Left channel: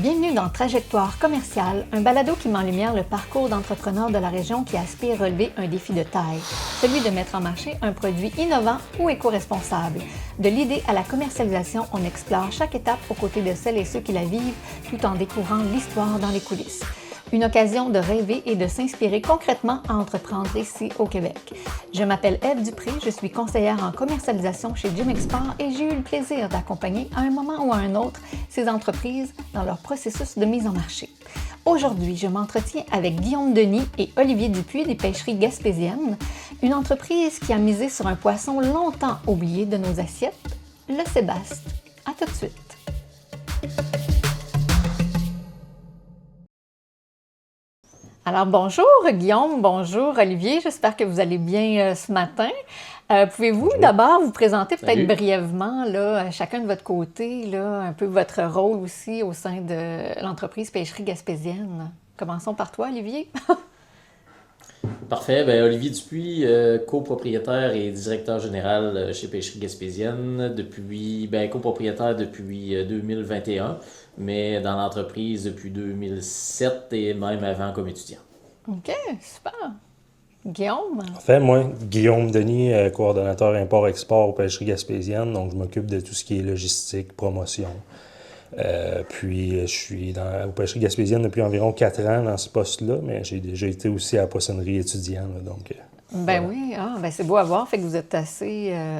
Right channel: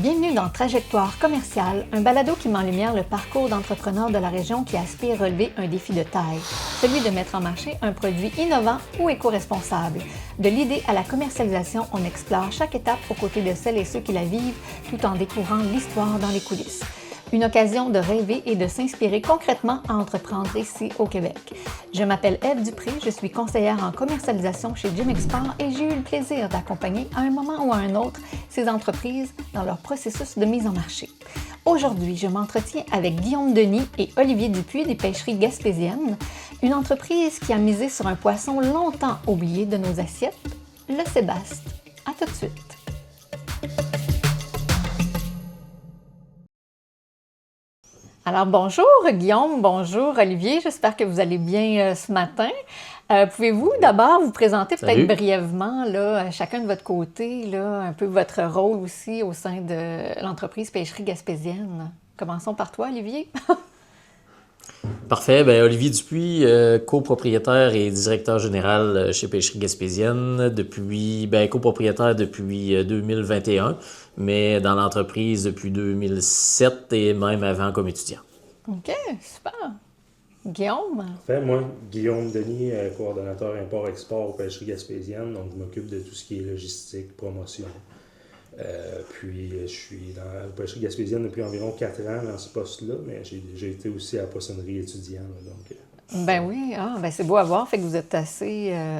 Bienvenue dans Trajectoire commerciale, un balado qui met en lumière le parcours d'entrepreneurs de la région qui aspirent à relever un défi de taille, celui de mettre en marché un produit innovant ou éco-responsable. De l'idée à la commercialisation, on explore chaque étape aux côtés de celles et ceux qui la vivent, tout en découvrant l'histoire dans les coulisses. Une occasion de rêver et de s'inspirer concrètement à entreprendre ici au Québec. Je m'appelle Ève Dupré, je suis conseillère en commercialisation chez Jim Export et j'ai eu le plaisir d'accompagner à un moment ou à un autre ces entreprises dans leur processus de mise en marché. Aujourd'hui, je m'entretiens avec Guillaume Denis et Olivier Dupuis des Pêcheries Gaspésiennes, une entreprise qui a misé sur un poisson longtemps oublié de nos assiettes, le sébaste. À tout de suite. Alors bonjour Guillaume, bonjour Olivier, j'espère que vous allez bien ce matin. Pouvez-vous d'abord vous présenter peut-être brièvement, là, chacun de votre côté, là, un peu votre rôle aussi au sein de l'entreprise Pêcherie Gaspésienne? Commençons par toi Olivier. Parfait. Bien, Olivier Dupuis, copropriétaire et directeur général chez Pêcherie Gaspésienne, copropriétaire depuis 2021, mais dans l'entreprise depuis 2007 et même avant comme étudiant. OK, super. Guillaume? En fait, moi, Guillaume Denis, coordonnateur import-export aux Pêcheries Gaspésiennes, donc je m'occupe de tout ce qui est logistique, promotion. Puis je suis aux Pêcheries Gaspésiennes depuis environ 4 ans dans ce poste-là, mais j'ai déjà été aussi à la poissonnerie étudiante. Ben oui, c'est beau à voir, fait que vous êtes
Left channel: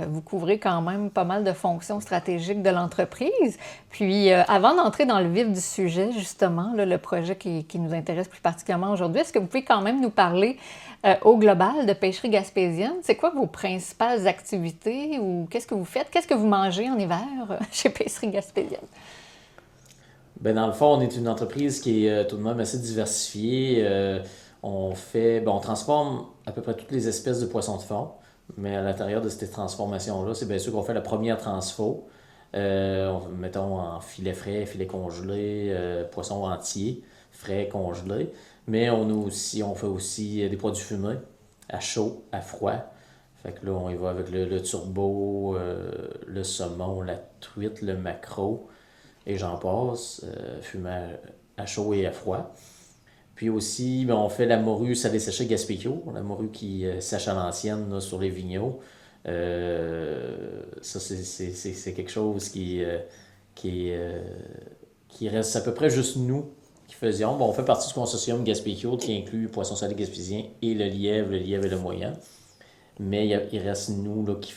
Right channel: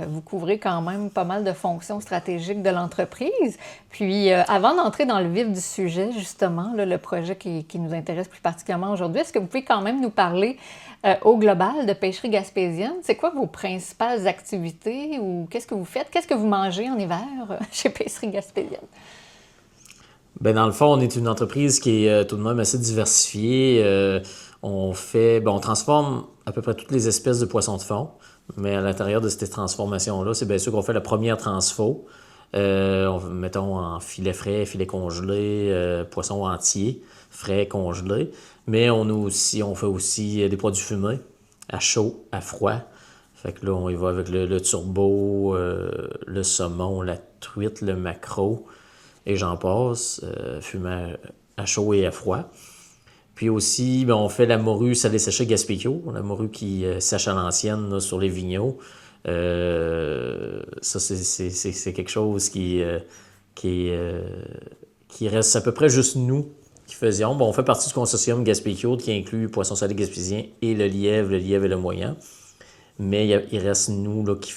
vous couvrez quand même pas mal de fonctions stratégiques de l'entreprise. Puis avant d'entrer dans le vif du sujet, justement, là, le projet qui nous intéresse plus particulièrement aujourd'hui, est-ce que vous pouvez quand même nous parler au global de Pêcherie Gaspésienne? C'est quoi vos principales activités ou qu'est-ce que vous faites? Qu'est-ce que vous mangez en hiver chez Pêcherie Gaspésienne? Ben, dans le fond, on est une entreprise qui est tout de même assez diversifiée. On transforme à peu près toutes les espèces de poissons de fond, mais à l'intérieur de cette transformation-là, c'est bien sûr qu'on fait la première transfo. Mettons en filet frais, filet congelé, poisson entier, frais, congelé. Mais on fait aussi des produits fumés, à chaud, à froid. Fait que là, on y va avec le turbo, le saumon, la truite, le maquereau, et j'en passe, fumé à chaud et à froid. Puis aussi, on fait la morue salée séchée Gaspécio, la morue qui sèche à l'ancienne là, sur les vigneaux. Ça, c'est quelque chose qui reste à peu près juste nous qui faisions. Bon, on fait partie du consortium Gaspécio qui inclut Poisson salé gaspésien et le lièvre et le moyen. Mais il reste nous là, qui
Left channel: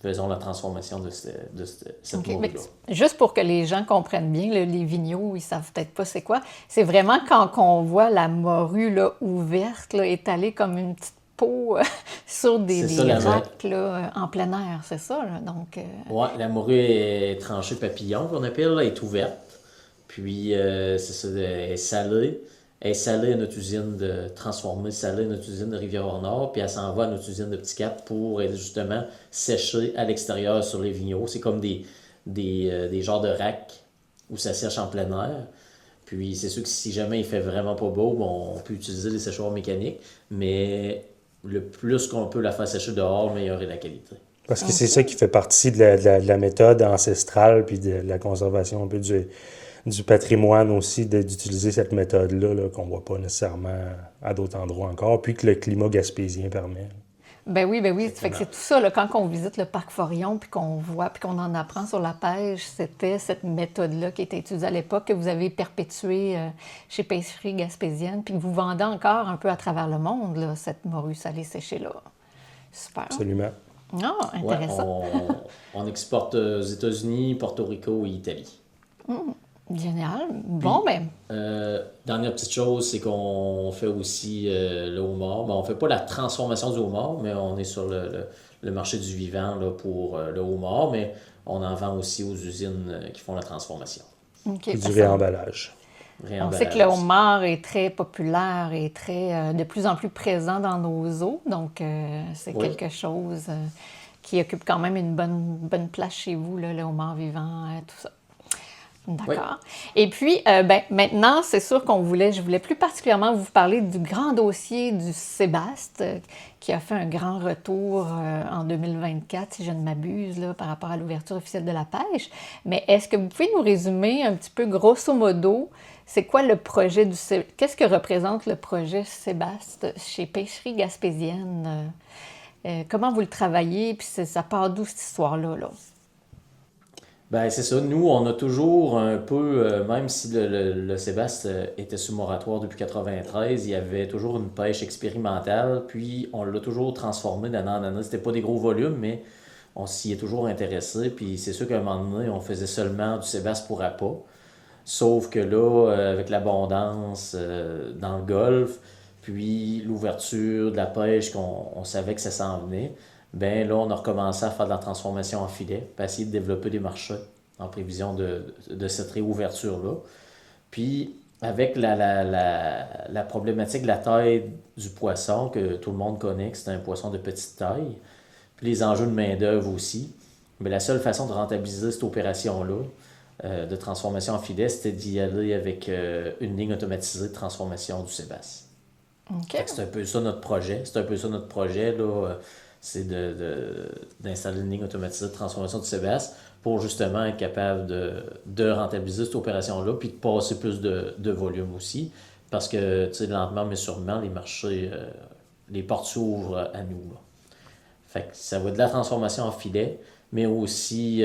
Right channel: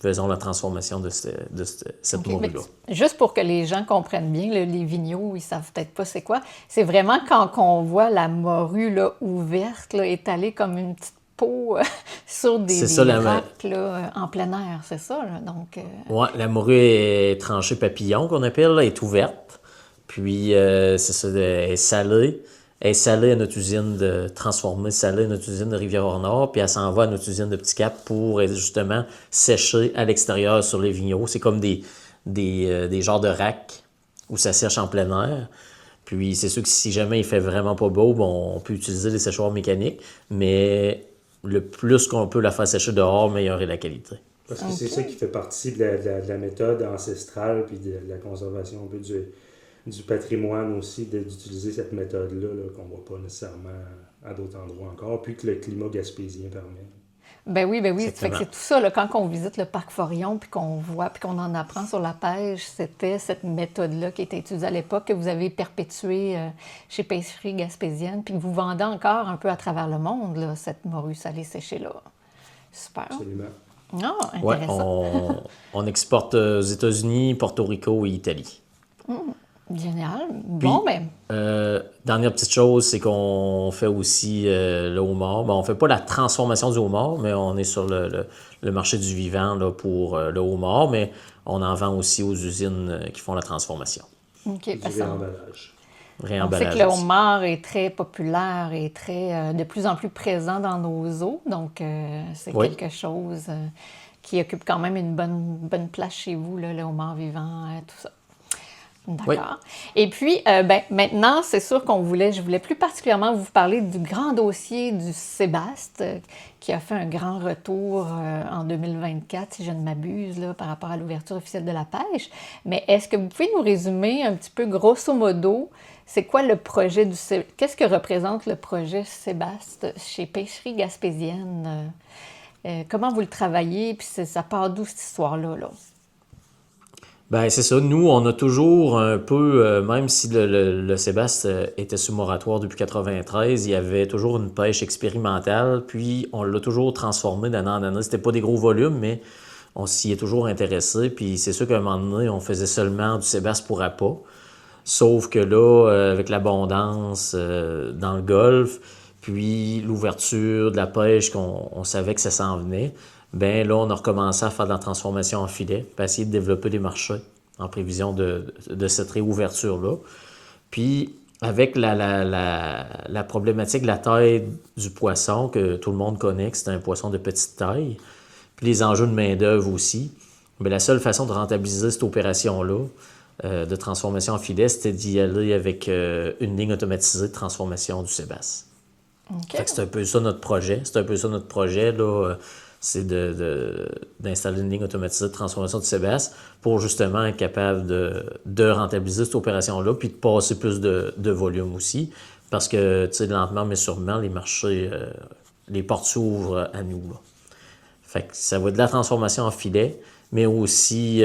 faisons la transformation de cette morue-là. Juste pour que les gens comprennent bien, là, les vigneaux, ils savent peut-être pas c'est quoi. C'est vraiment quand on voit la morue là, ouverte, là, étalée comme une petite peau sur des racks là, en plein air, c'est ça? Là? Donc, Oui, la morue est tranchée papillon qu'on appelle, là, est ouverte. Puis, c'est ça, elle est salée. Elle est salée à notre usine de transformer, salée à notre usine de Rivière-au-Nord, puis elle s'en va à notre usine de Petit-Cap pour justement sécher à l'extérieur sur les vigneaux. C'est comme des genres de racks où ça sèche en plein air. Puis c'est sûr que si jamais il fait vraiment pas beau, on peut utiliser les séchoirs mécaniques, mais le plus qu'on peut la faire sécher dehors, meilleure est la qualité. Parce que c'est ça qui fait partie de la méthode ancestrale puis de la conservation un peu du patrimoine aussi, d'utiliser cette méthode-là là, qu'on ne voit pas nécessairement à d'autres endroits encore, puis que le climat gaspésien permet. Ben oui. Fait que c'est tout ça, là, quand on visite le parc Forillon, puis qu'on voit, puis qu'on en apprend sur la pêche, c'était cette méthode-là qui était utilisée à l'époque, que vous avez perpétuée chez Pêcherie Gaspésienne, puis que vous vendez encore un peu à travers le monde, là, cette morue salée séchée-là. Super. Absolument. Ah, intéressant. Ouais, on exporte aux États-Unis, Porto Rico et Italie. Génial. Dernière petite chose, c'est qu'on fait aussi le homard. On ne fait pas la transformation du homard, mais on est sur le marché du vivant là, pour le homard, mais on en vend aussi aux usines qui font la transformation. Okay, du réemballage. On sait que le homard est très populaire et de plus en plus présent dans nos eaux, donc c'est quelque chose qui occupe quand même une bonne place chez vous, là, le homard vivant, tout ça. D'accord. Et puis, maintenant, c'est sûr je voulais plus particulièrement vous parler du grand dossier du Sébaste, qui a fait un grand retour en 2024, si je ne m'abuse, là, par rapport à l'ouverture officielle de la pêche. Mais est-ce que vous pouvez nous résumer un petit peu, grosso modo, c'est quoi le projet qu'est-ce que représente le projet Sébaste chez Pêcherie Gaspésienne? Comment vous le travaillez, puis ça part d'où cette histoire-là, là? Ben c'est ça. Nous, on a toujours un peu, même si le Sébaste était sous moratoire depuis 93, il y avait toujours une pêche expérimentale, puis on l'a toujours transformé d'année en année. C'était pas des gros volumes, mais on s'y est toujours intéressé. Puis c'est sûr qu'à un moment donné, on faisait seulement du Sébaste pour appât. Sauf que là, avec l'abondance dans le golfe, puis l'ouverture de la pêche, on savait que ça s'en venait, ben là, on a recommencé à faire de la transformation en filet, puis à essayer de développer des marchés en prévision de cette réouverture-là. Puis, avec la problématique de la taille du poisson, que tout le monde connaît, que c'est un poisson de petite taille, puis les enjeux de main-d'œuvre aussi, bien, la seule façon de rentabiliser cette opération-là, de transformation en filet, c'était d'y aller avec une ligne automatisée de transformation du sébasse. OK. C'est un peu ça notre projet. Là, c'est d'installer une ligne automatisée de transformation du sébasse pour justement être capable de rentabiliser cette opération-là puis de passer plus de volume aussi. Parce que, tu sais, lentement mais sûrement, les marchés, les portes s'ouvrent à nous. Là. Fait que ça va être de la transformation en filet, mais aussi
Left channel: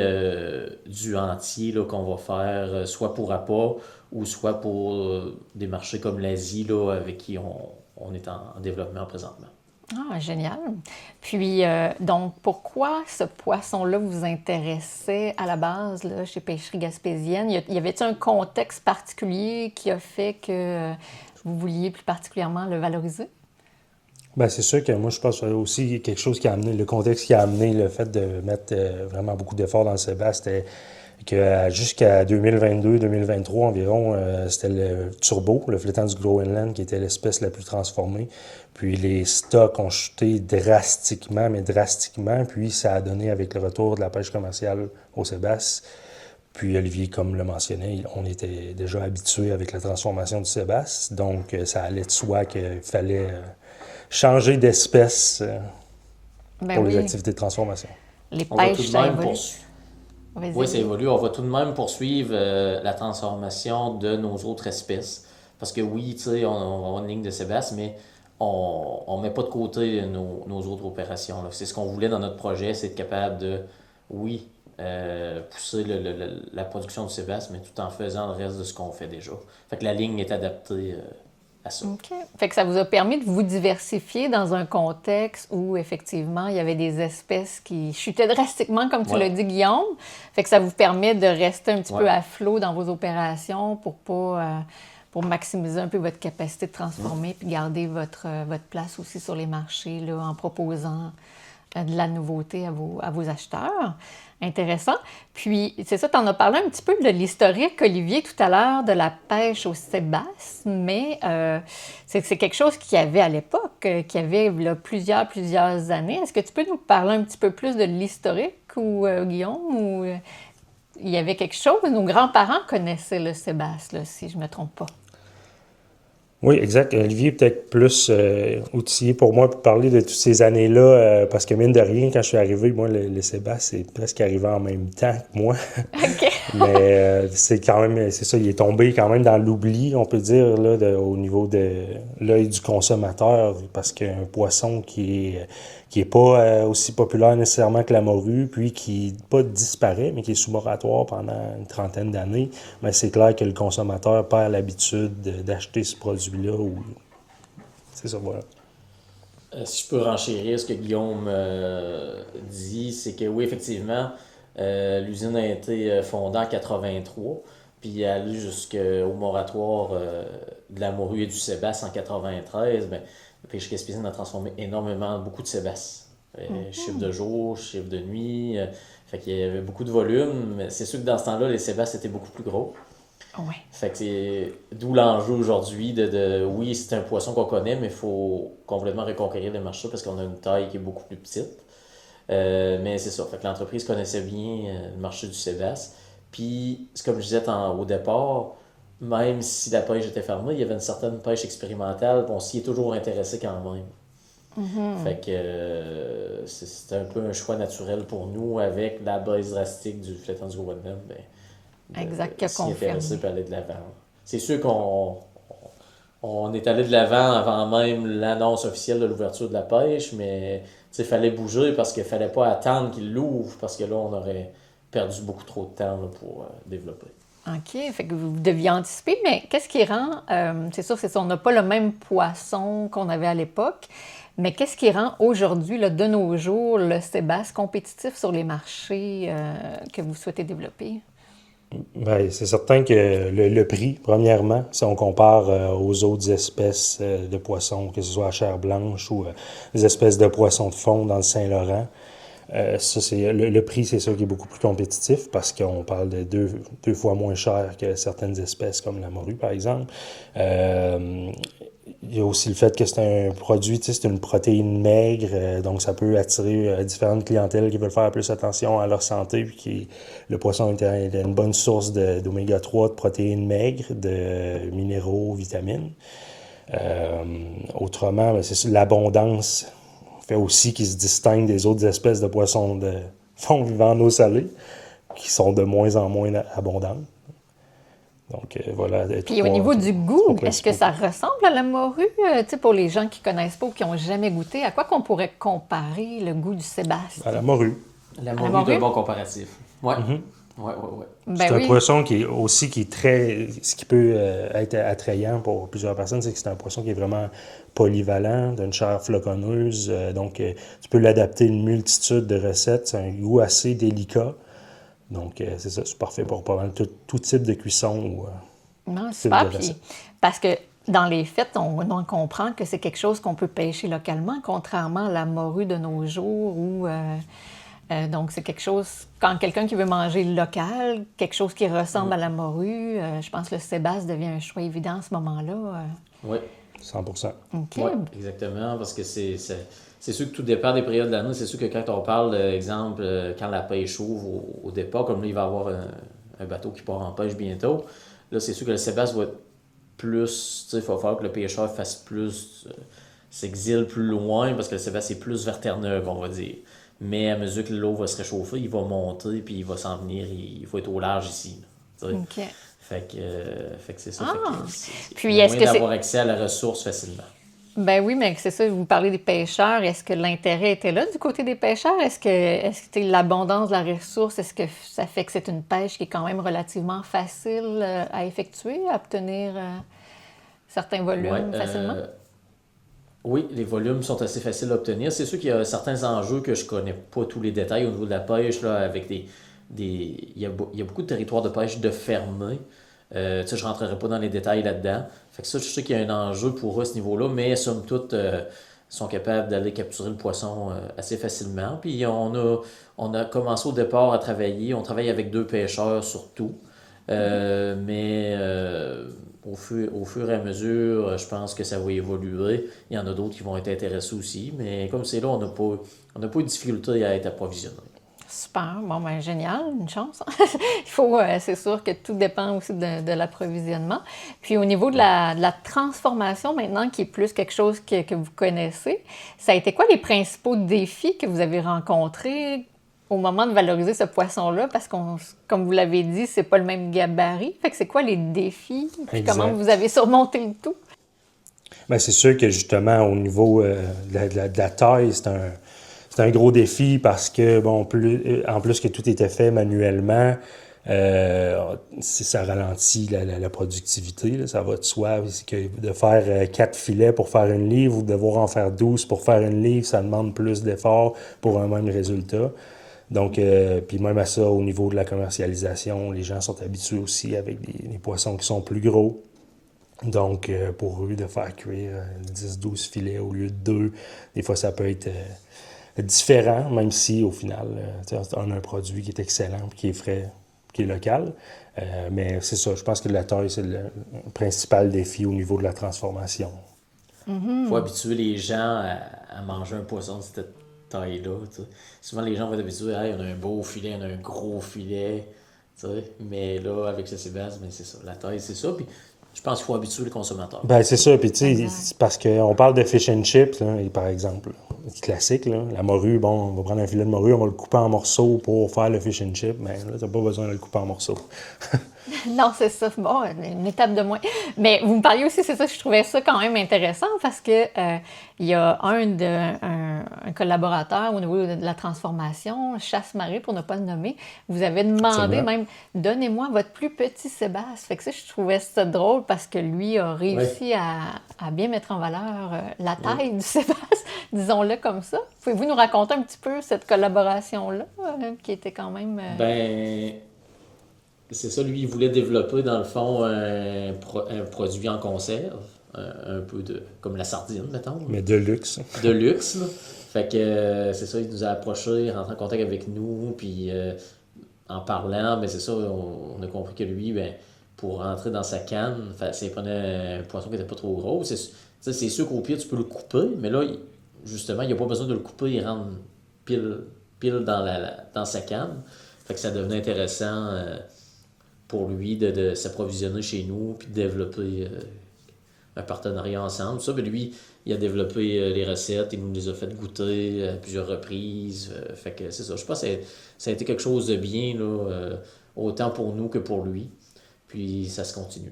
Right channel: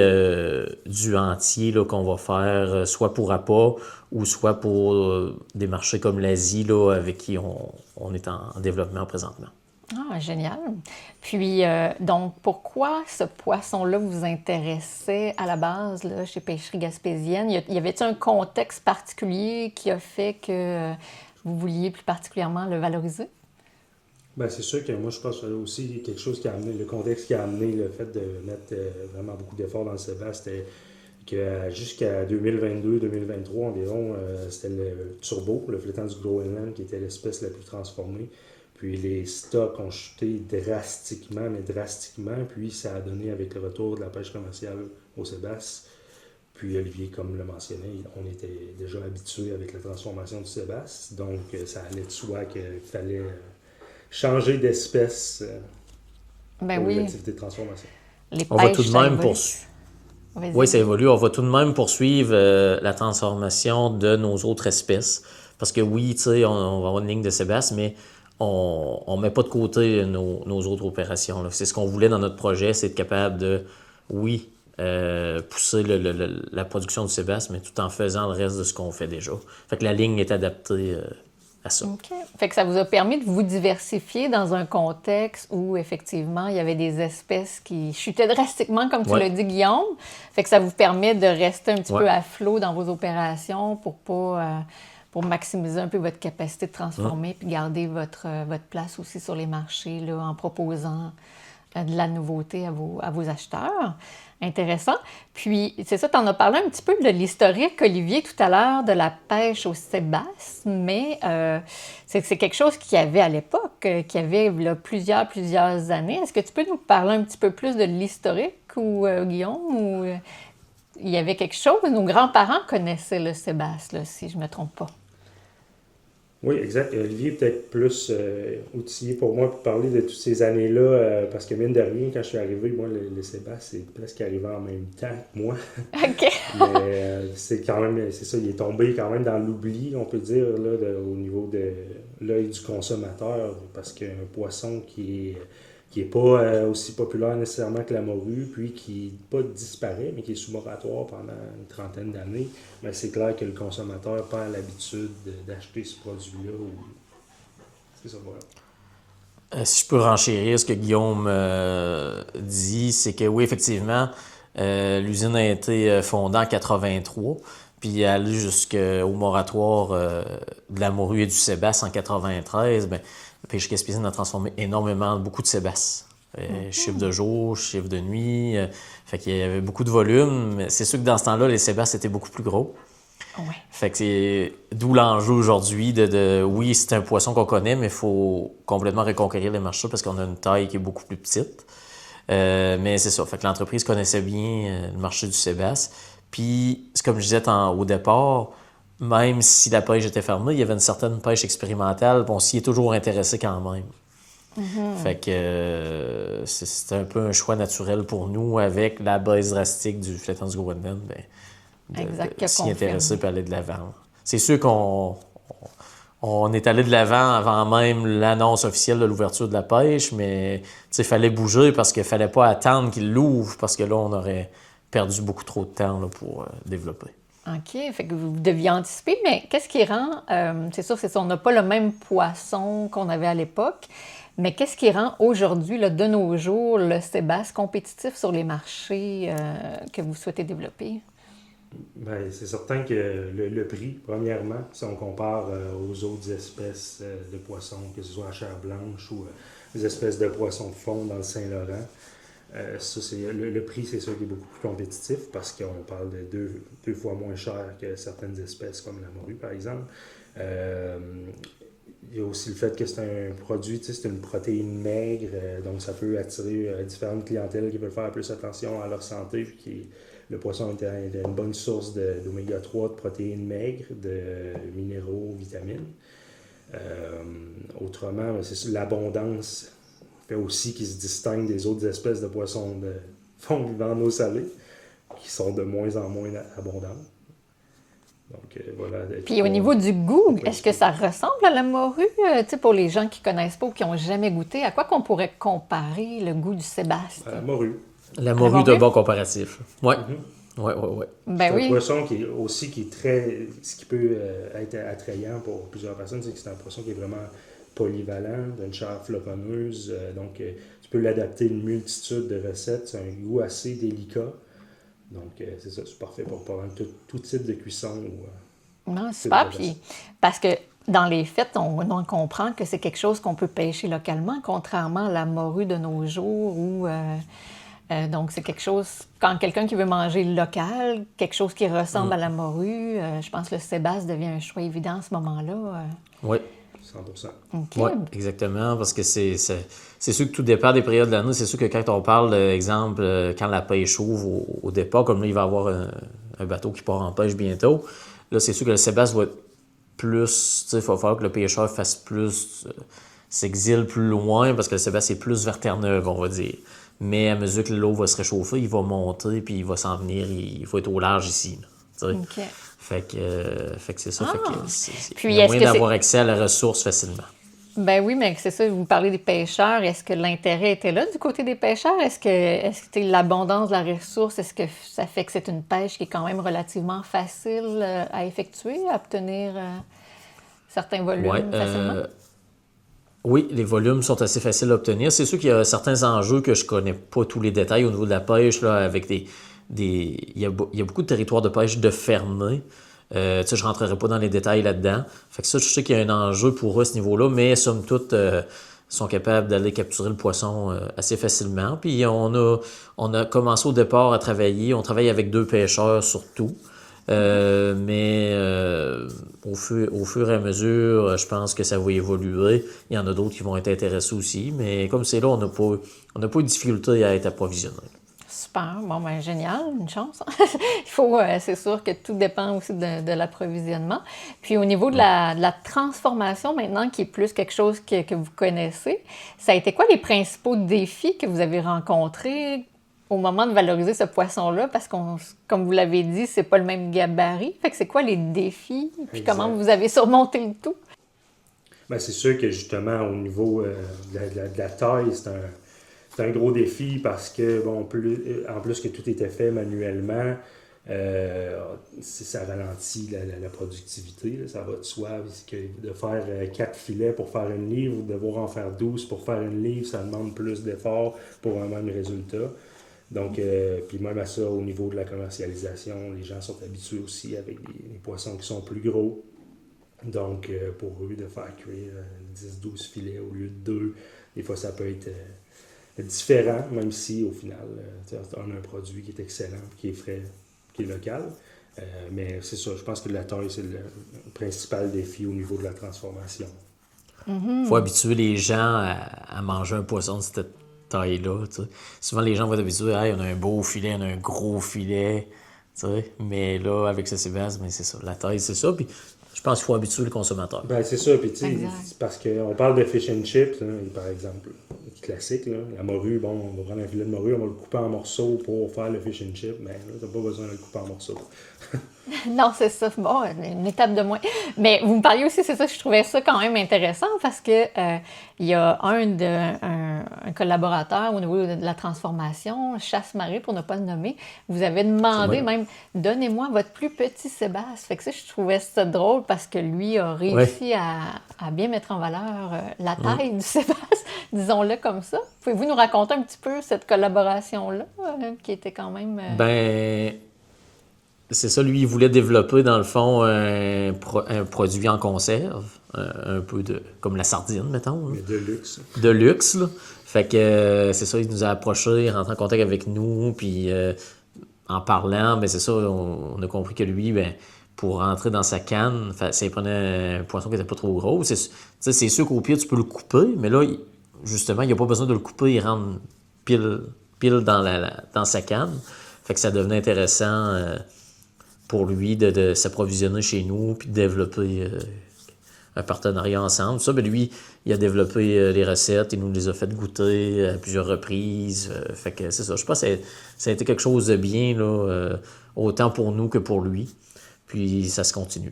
du entier là, qu'on va faire soit pour appât ou soit pour des marchés comme l'Asie là, avec qui on est en développement présentement. Ah, génial. Puis, donc, pourquoi ce poisson-là vous intéressait à la base là, chez Pêcherie Gaspésienne? Y avait-il un contexte particulier qui a fait que vous vouliez plus particulièrement le valoriser? Bien, c'est sûr que moi, je pense que aussi quelque chose qui a amené, le contexte qui a amené le fait de mettre vraiment beaucoup d'efforts dans le sébaste, c'était que jusqu'à 2022-2023 environ, c'était le turbo, le flétan du Groenland, qui était l'espèce la plus transformée. Puis les stocks ont chuté drastiquement, puis ça a donné avec le retour de la pêche commerciale au sébaste. Puis Olivier, comme le mentionnait, on était déjà habitué avec la transformation du sébaste, donc ça allait de soi qu'il fallait changer d'espèce pour les activités de transformation. Les pêches, ça évolue. Oui, ça évolue. On va tout de même poursuivre la transformation de nos autres espèces. Parce que oui, tu sais, on va avoir une ligne de sébasse, mais on ne met pas de côté nos autres opérations. Là. C'est ce qu'on voulait dans notre projet, c'est être capable de, oui, pousser la production du sébasse, mais tout en faisant le reste de ce qu'on fait déjà. Fait que la ligne est adaptée à ça. OK. Fait que ça vous a permis de vous diversifier dans un contexte où, effectivement, il y avait des espèces qui chutaient drastiquement, comme tu l'as dit, Guillaume. Fait que ça vous permet de rester un petit peu à flot dans vos opérations pour maximiser un peu votre capacité de transformer puis garder votre place aussi sur les marchés là, en proposant de la nouveauté à vos acheteurs. Intéressant. Puis, c'est ça, tu en as parlé un petit peu de l'historique, Olivier, tout à l'heure, de la pêche au sébasse, mais c'est quelque chose qu'il y avait à l'époque, qu'il y avait là, plusieurs années. Est-ce que tu peux nous parler un petit peu plus de l'historique, ou Guillaume, ou il y avait quelque chose? Nos grands-parents connaissaient le sébasse, là, si je ne me trompe pas. Oui, exact. Olivier est peut-être plus outillé pour moi pour parler de toutes ces années-là, parce que mine de rien, quand je suis arrivé, moi, le sébasse, c'est presque arrivé en même temps que moi. OK. Mais c'est quand même, c'est ça, il est tombé quand même dans l'oubli, on peut dire, là, au niveau de l'œil du consommateur, parce qu'un poisson qui est pas aussi populaire nécessairement que la morue, puis qui pas disparaît, mais qui est sous moratoire pendant une trentaine d'années, mais c'est clair que le consommateur perd l'habitude d'acheter ce produit-là. C'est ça, voilà. Si je peux renchérir ce que Guillaume dit, c'est que oui, effectivement, l'usine a été fondée en 83, puis elle allait jusqu'au moratoire de la morue et du sébasse en 93. Bien, Pêcherie Gaspésienne a transformé beaucoup de sébasse. Chiffre de jour, chiffre de nuit. Fait qu'il y avait beaucoup de volume. Mais c'est sûr que dans ce temps-là, les sébasses étaient beaucoup plus gros. Oui. Fait que c'est d'où l'enjeu aujourd'hui oui, c'est un poisson qu'on connaît, mais il faut complètement reconquérir les marchés parce qu'on a une taille qui est beaucoup plus petite. Mais c'est ça. Fait que l'entreprise connaissait bien le marché du sébasse. Puis, c'est comme je disais au départ, même si la pêche était fermée, il y avait une certaine pêche expérimentale, puis on s'y est toujours intéressé quand même. Fait que c'était un peu un choix naturel pour nous avec la baisse drastique du flétan du Groenland, Exact, qui a s'y confirmé. intéresser et aller de l'avant. C'est sûr qu'on est allé de l'avant avant même l'annonce officielle de l'ouverture de la pêche, mais il fallait bouger parce qu'il fallait pas attendre qu'il l'ouvre parce que là, on aurait perdu beaucoup trop de temps là, pour développer. OK, fait que vous deviez anticiper, mais qu'est-ce qui rend, c'est sûr, on n'a pas le même poisson qu'on avait à l'époque, mais qu'est-ce qui rend aujourd'hui, là, de nos jours, le sébasse compétitif sur les marchés que vous souhaitez développer? Bien, c'est certain que le prix, premièrement, si on compare aux autres espèces de poissons, que ce soit à chair blanche ou des espèces de poissons de fond dans le Saint-Laurent, ça, le prix, c'est sûr qui est beaucoup plus compétitif parce qu'on parle de deux fois moins cher que certaines espèces comme la morue, par exemple. Il y a aussi le fait que c'est un produit, c'est une protéine maigre, donc ça peut attirer différentes clientèles qui veulent faire plus attention à leur santé, puis le poisson est une bonne source d'oméga 3, de protéines maigres, de minéraux, vitamines. Autrement, c'est l'abondance fait aussi qu'il se distingue des autres espèces de poissons de fond vivant en eau salée, qui sont de moins en moins abondantes. Donc, voilà. Puis au niveau du goût, est-ce que ça ressemble à la morue? Pour les gens qui ne connaissent pas ou qui n'ont jamais goûté, à quoi qu'on pourrait comparer le goût du sébasse? À la morue. La morue est un bon comparatif. Oui. Oui. C'est un poisson qui est très... Ce qui peut être attrayant pour plusieurs personnes, c'est que c'est un poisson qui est vraiment polyvalent, d'une chair floconneuse. Donc, tu peux l'adapter à une multitude de recettes. C'est un goût assez délicat. Donc, c'est ça, c'est parfait pour pas mal tout type de cuisson. Non, super. Puis, parce que dans les faits, on comprend que c'est quelque chose qu'on peut pêcher localement, contrairement à la morue de nos jours où... donc, c'est quelque chose, quand quelqu'un qui veut manger local, quelque chose qui ressemble à la morue, je pense que le sébasse devient un choix évident à ce moment-là. Oui. 100%. OK. Oui, exactement, parce que c'est sûr que tout dépend des périodes de l'année. C'est sûr que quand on parle, d'exemple, quand la pêche ouvre au départ, comme là, il va y avoir un bateau qui part en pêche bientôt, là, c'est sûr que le sébasse va être plus... Il va falloir que le pêcheur fasse plus... s'exile plus loin, parce que le sébasse est plus vers Terre-Neuve, on va dire. Mais à mesure que l'eau va se réchauffer, il va monter, puis il va s'en venir, il faut être au large ici. OK. Fait que c'est ça. Puis est-ce que d'avoir accès à la ressource facilement. Ben oui, mais c'est ça, vous parlez des pêcheurs. Est-ce que l'intérêt était là du côté des pêcheurs? Est-ce que l'abondance de la ressource, est-ce que ça fait que c'est une pêche qui est quand même relativement facile à effectuer, à obtenir certains volumes facilement? Oui, les volumes sont assez faciles à obtenir. C'est sûr qu'il y a certains enjeux que je connais pas tous les détails au niveau de la pêche, là, avec il y a beaucoup de territoires de pêche de fermés. Je ne rentrerai pas dans les détails là-dedans. Fait que ça, je sais qu'il y a un enjeu pour eux à ce niveau-là, mais somme toute, sont capables d'aller capturer le poisson assez facilement. Puis on a commencé au départ à travailler. On travaille avec 2 pêcheurs surtout. Mais au fur et à mesure, je pense que ça va évoluer. Il y en a d'autres qui vont être intéressés aussi. Mais comme c'est là, on n'a pas eu de difficulté à être approvisionné. Super. Bon, ben génial. Une chance. Il faut, c'est sûr que tout dépend aussi de l'approvisionnement. Puis au niveau de la transformation maintenant, qui est plus quelque chose que vous connaissez, ça a été quoi les principaux défis que vous avez rencontrés au moment de valoriser ce poisson-là? Parce que, comme vous l'avez dit, c'est pas le même gabarit. Fait que c'est quoi les défis? Puis comment vous avez surmonté le tout? Bien, c'est sûr que justement, au niveau de la taille, c'est un gros défi parce que, bon, en plus que tout était fait manuellement, ça ralentit la productivité, là, ça va de soi. C'est que de faire 4 filets pour faire une livre ou de devoir en faire 12 pour faire une livre, ça demande plus d'efforts pour un même résultat. Donc, puis même à ça, au niveau de la commercialisation, les gens sont habitués aussi avec des poissons qui sont plus gros. Donc, pour eux, de faire cuire 10-12 filets au lieu de 2, des fois, ça peut être différent, même si, au final, on a un produit qui est excellent, qui est frais, qui est local. Mais c'est ça, je pense que la taille, c'est le principal défi au niveau de la transformation. Il faut habituer les gens à manger un poisson de cette taille-là. T'sais. Souvent, les gens vont être habitués, hey, on a un beau filet, on a un gros filet. Tu sais, mais là, avec ce Sébastien, ben, c'est ça. La taille, c'est ça. Puis je pense qu'il faut habituer le consommateur. Ben, c'est ça. Puis, tu sais, Exact. c'est parce qu'on parle de fish and chips, là, et par exemple, classique, là, la morue, bon, on va prendre un filet de morue, on va le couper en morceaux pour faire le fish and chip. Mais là, t'as pas besoin de le couper en morceaux. Non, c'est ça. Bon, une étape de moins. Mais vous me parliez aussi, c'est ça, je trouvais ça quand même intéressant parce que il y a un collaborateur au niveau de la transformation, Chasse-Marée, pour ne pas le nommer, vous avez demandé même, donnez-moi votre plus petit Sébastien. Fait que ça, je trouvais ça drôle parce que lui a réussi à bien mettre en valeur la taille du Sébastien, disons-le comme ça. Pouvez-vous nous raconter un petit peu cette collaboration-là, qui était quand même... Ben, c'est ça, lui, il voulait développer, dans le fond, un produit en conserve, un peu comme la sardine, mettons. Mais de luxe. De luxe, là. Fait que c'est ça, il nous a approchés, rentré en contact avec nous, puis en parlant, ben c'est ça, on a compris que lui, ben, pour rentrer dans sa canne, ça prenait un poisson qui n'était pas trop gros. C'est sûr qu'au pire, tu peux le couper, mais là, justement, il n'y a pas besoin de le couper, il rentre pile dans sa canne. Fait que ça devenait intéressant pour lui de s'approvisionner chez nous puis de développer un partenariat ensemble. Ça, ben lui, il a développé les recettes, il nous les a fait goûter à plusieurs reprises. Fait que c'est ça. Je pense que ça a été quelque chose de bien, là, autant pour nous que pour lui. Puis ça se continue.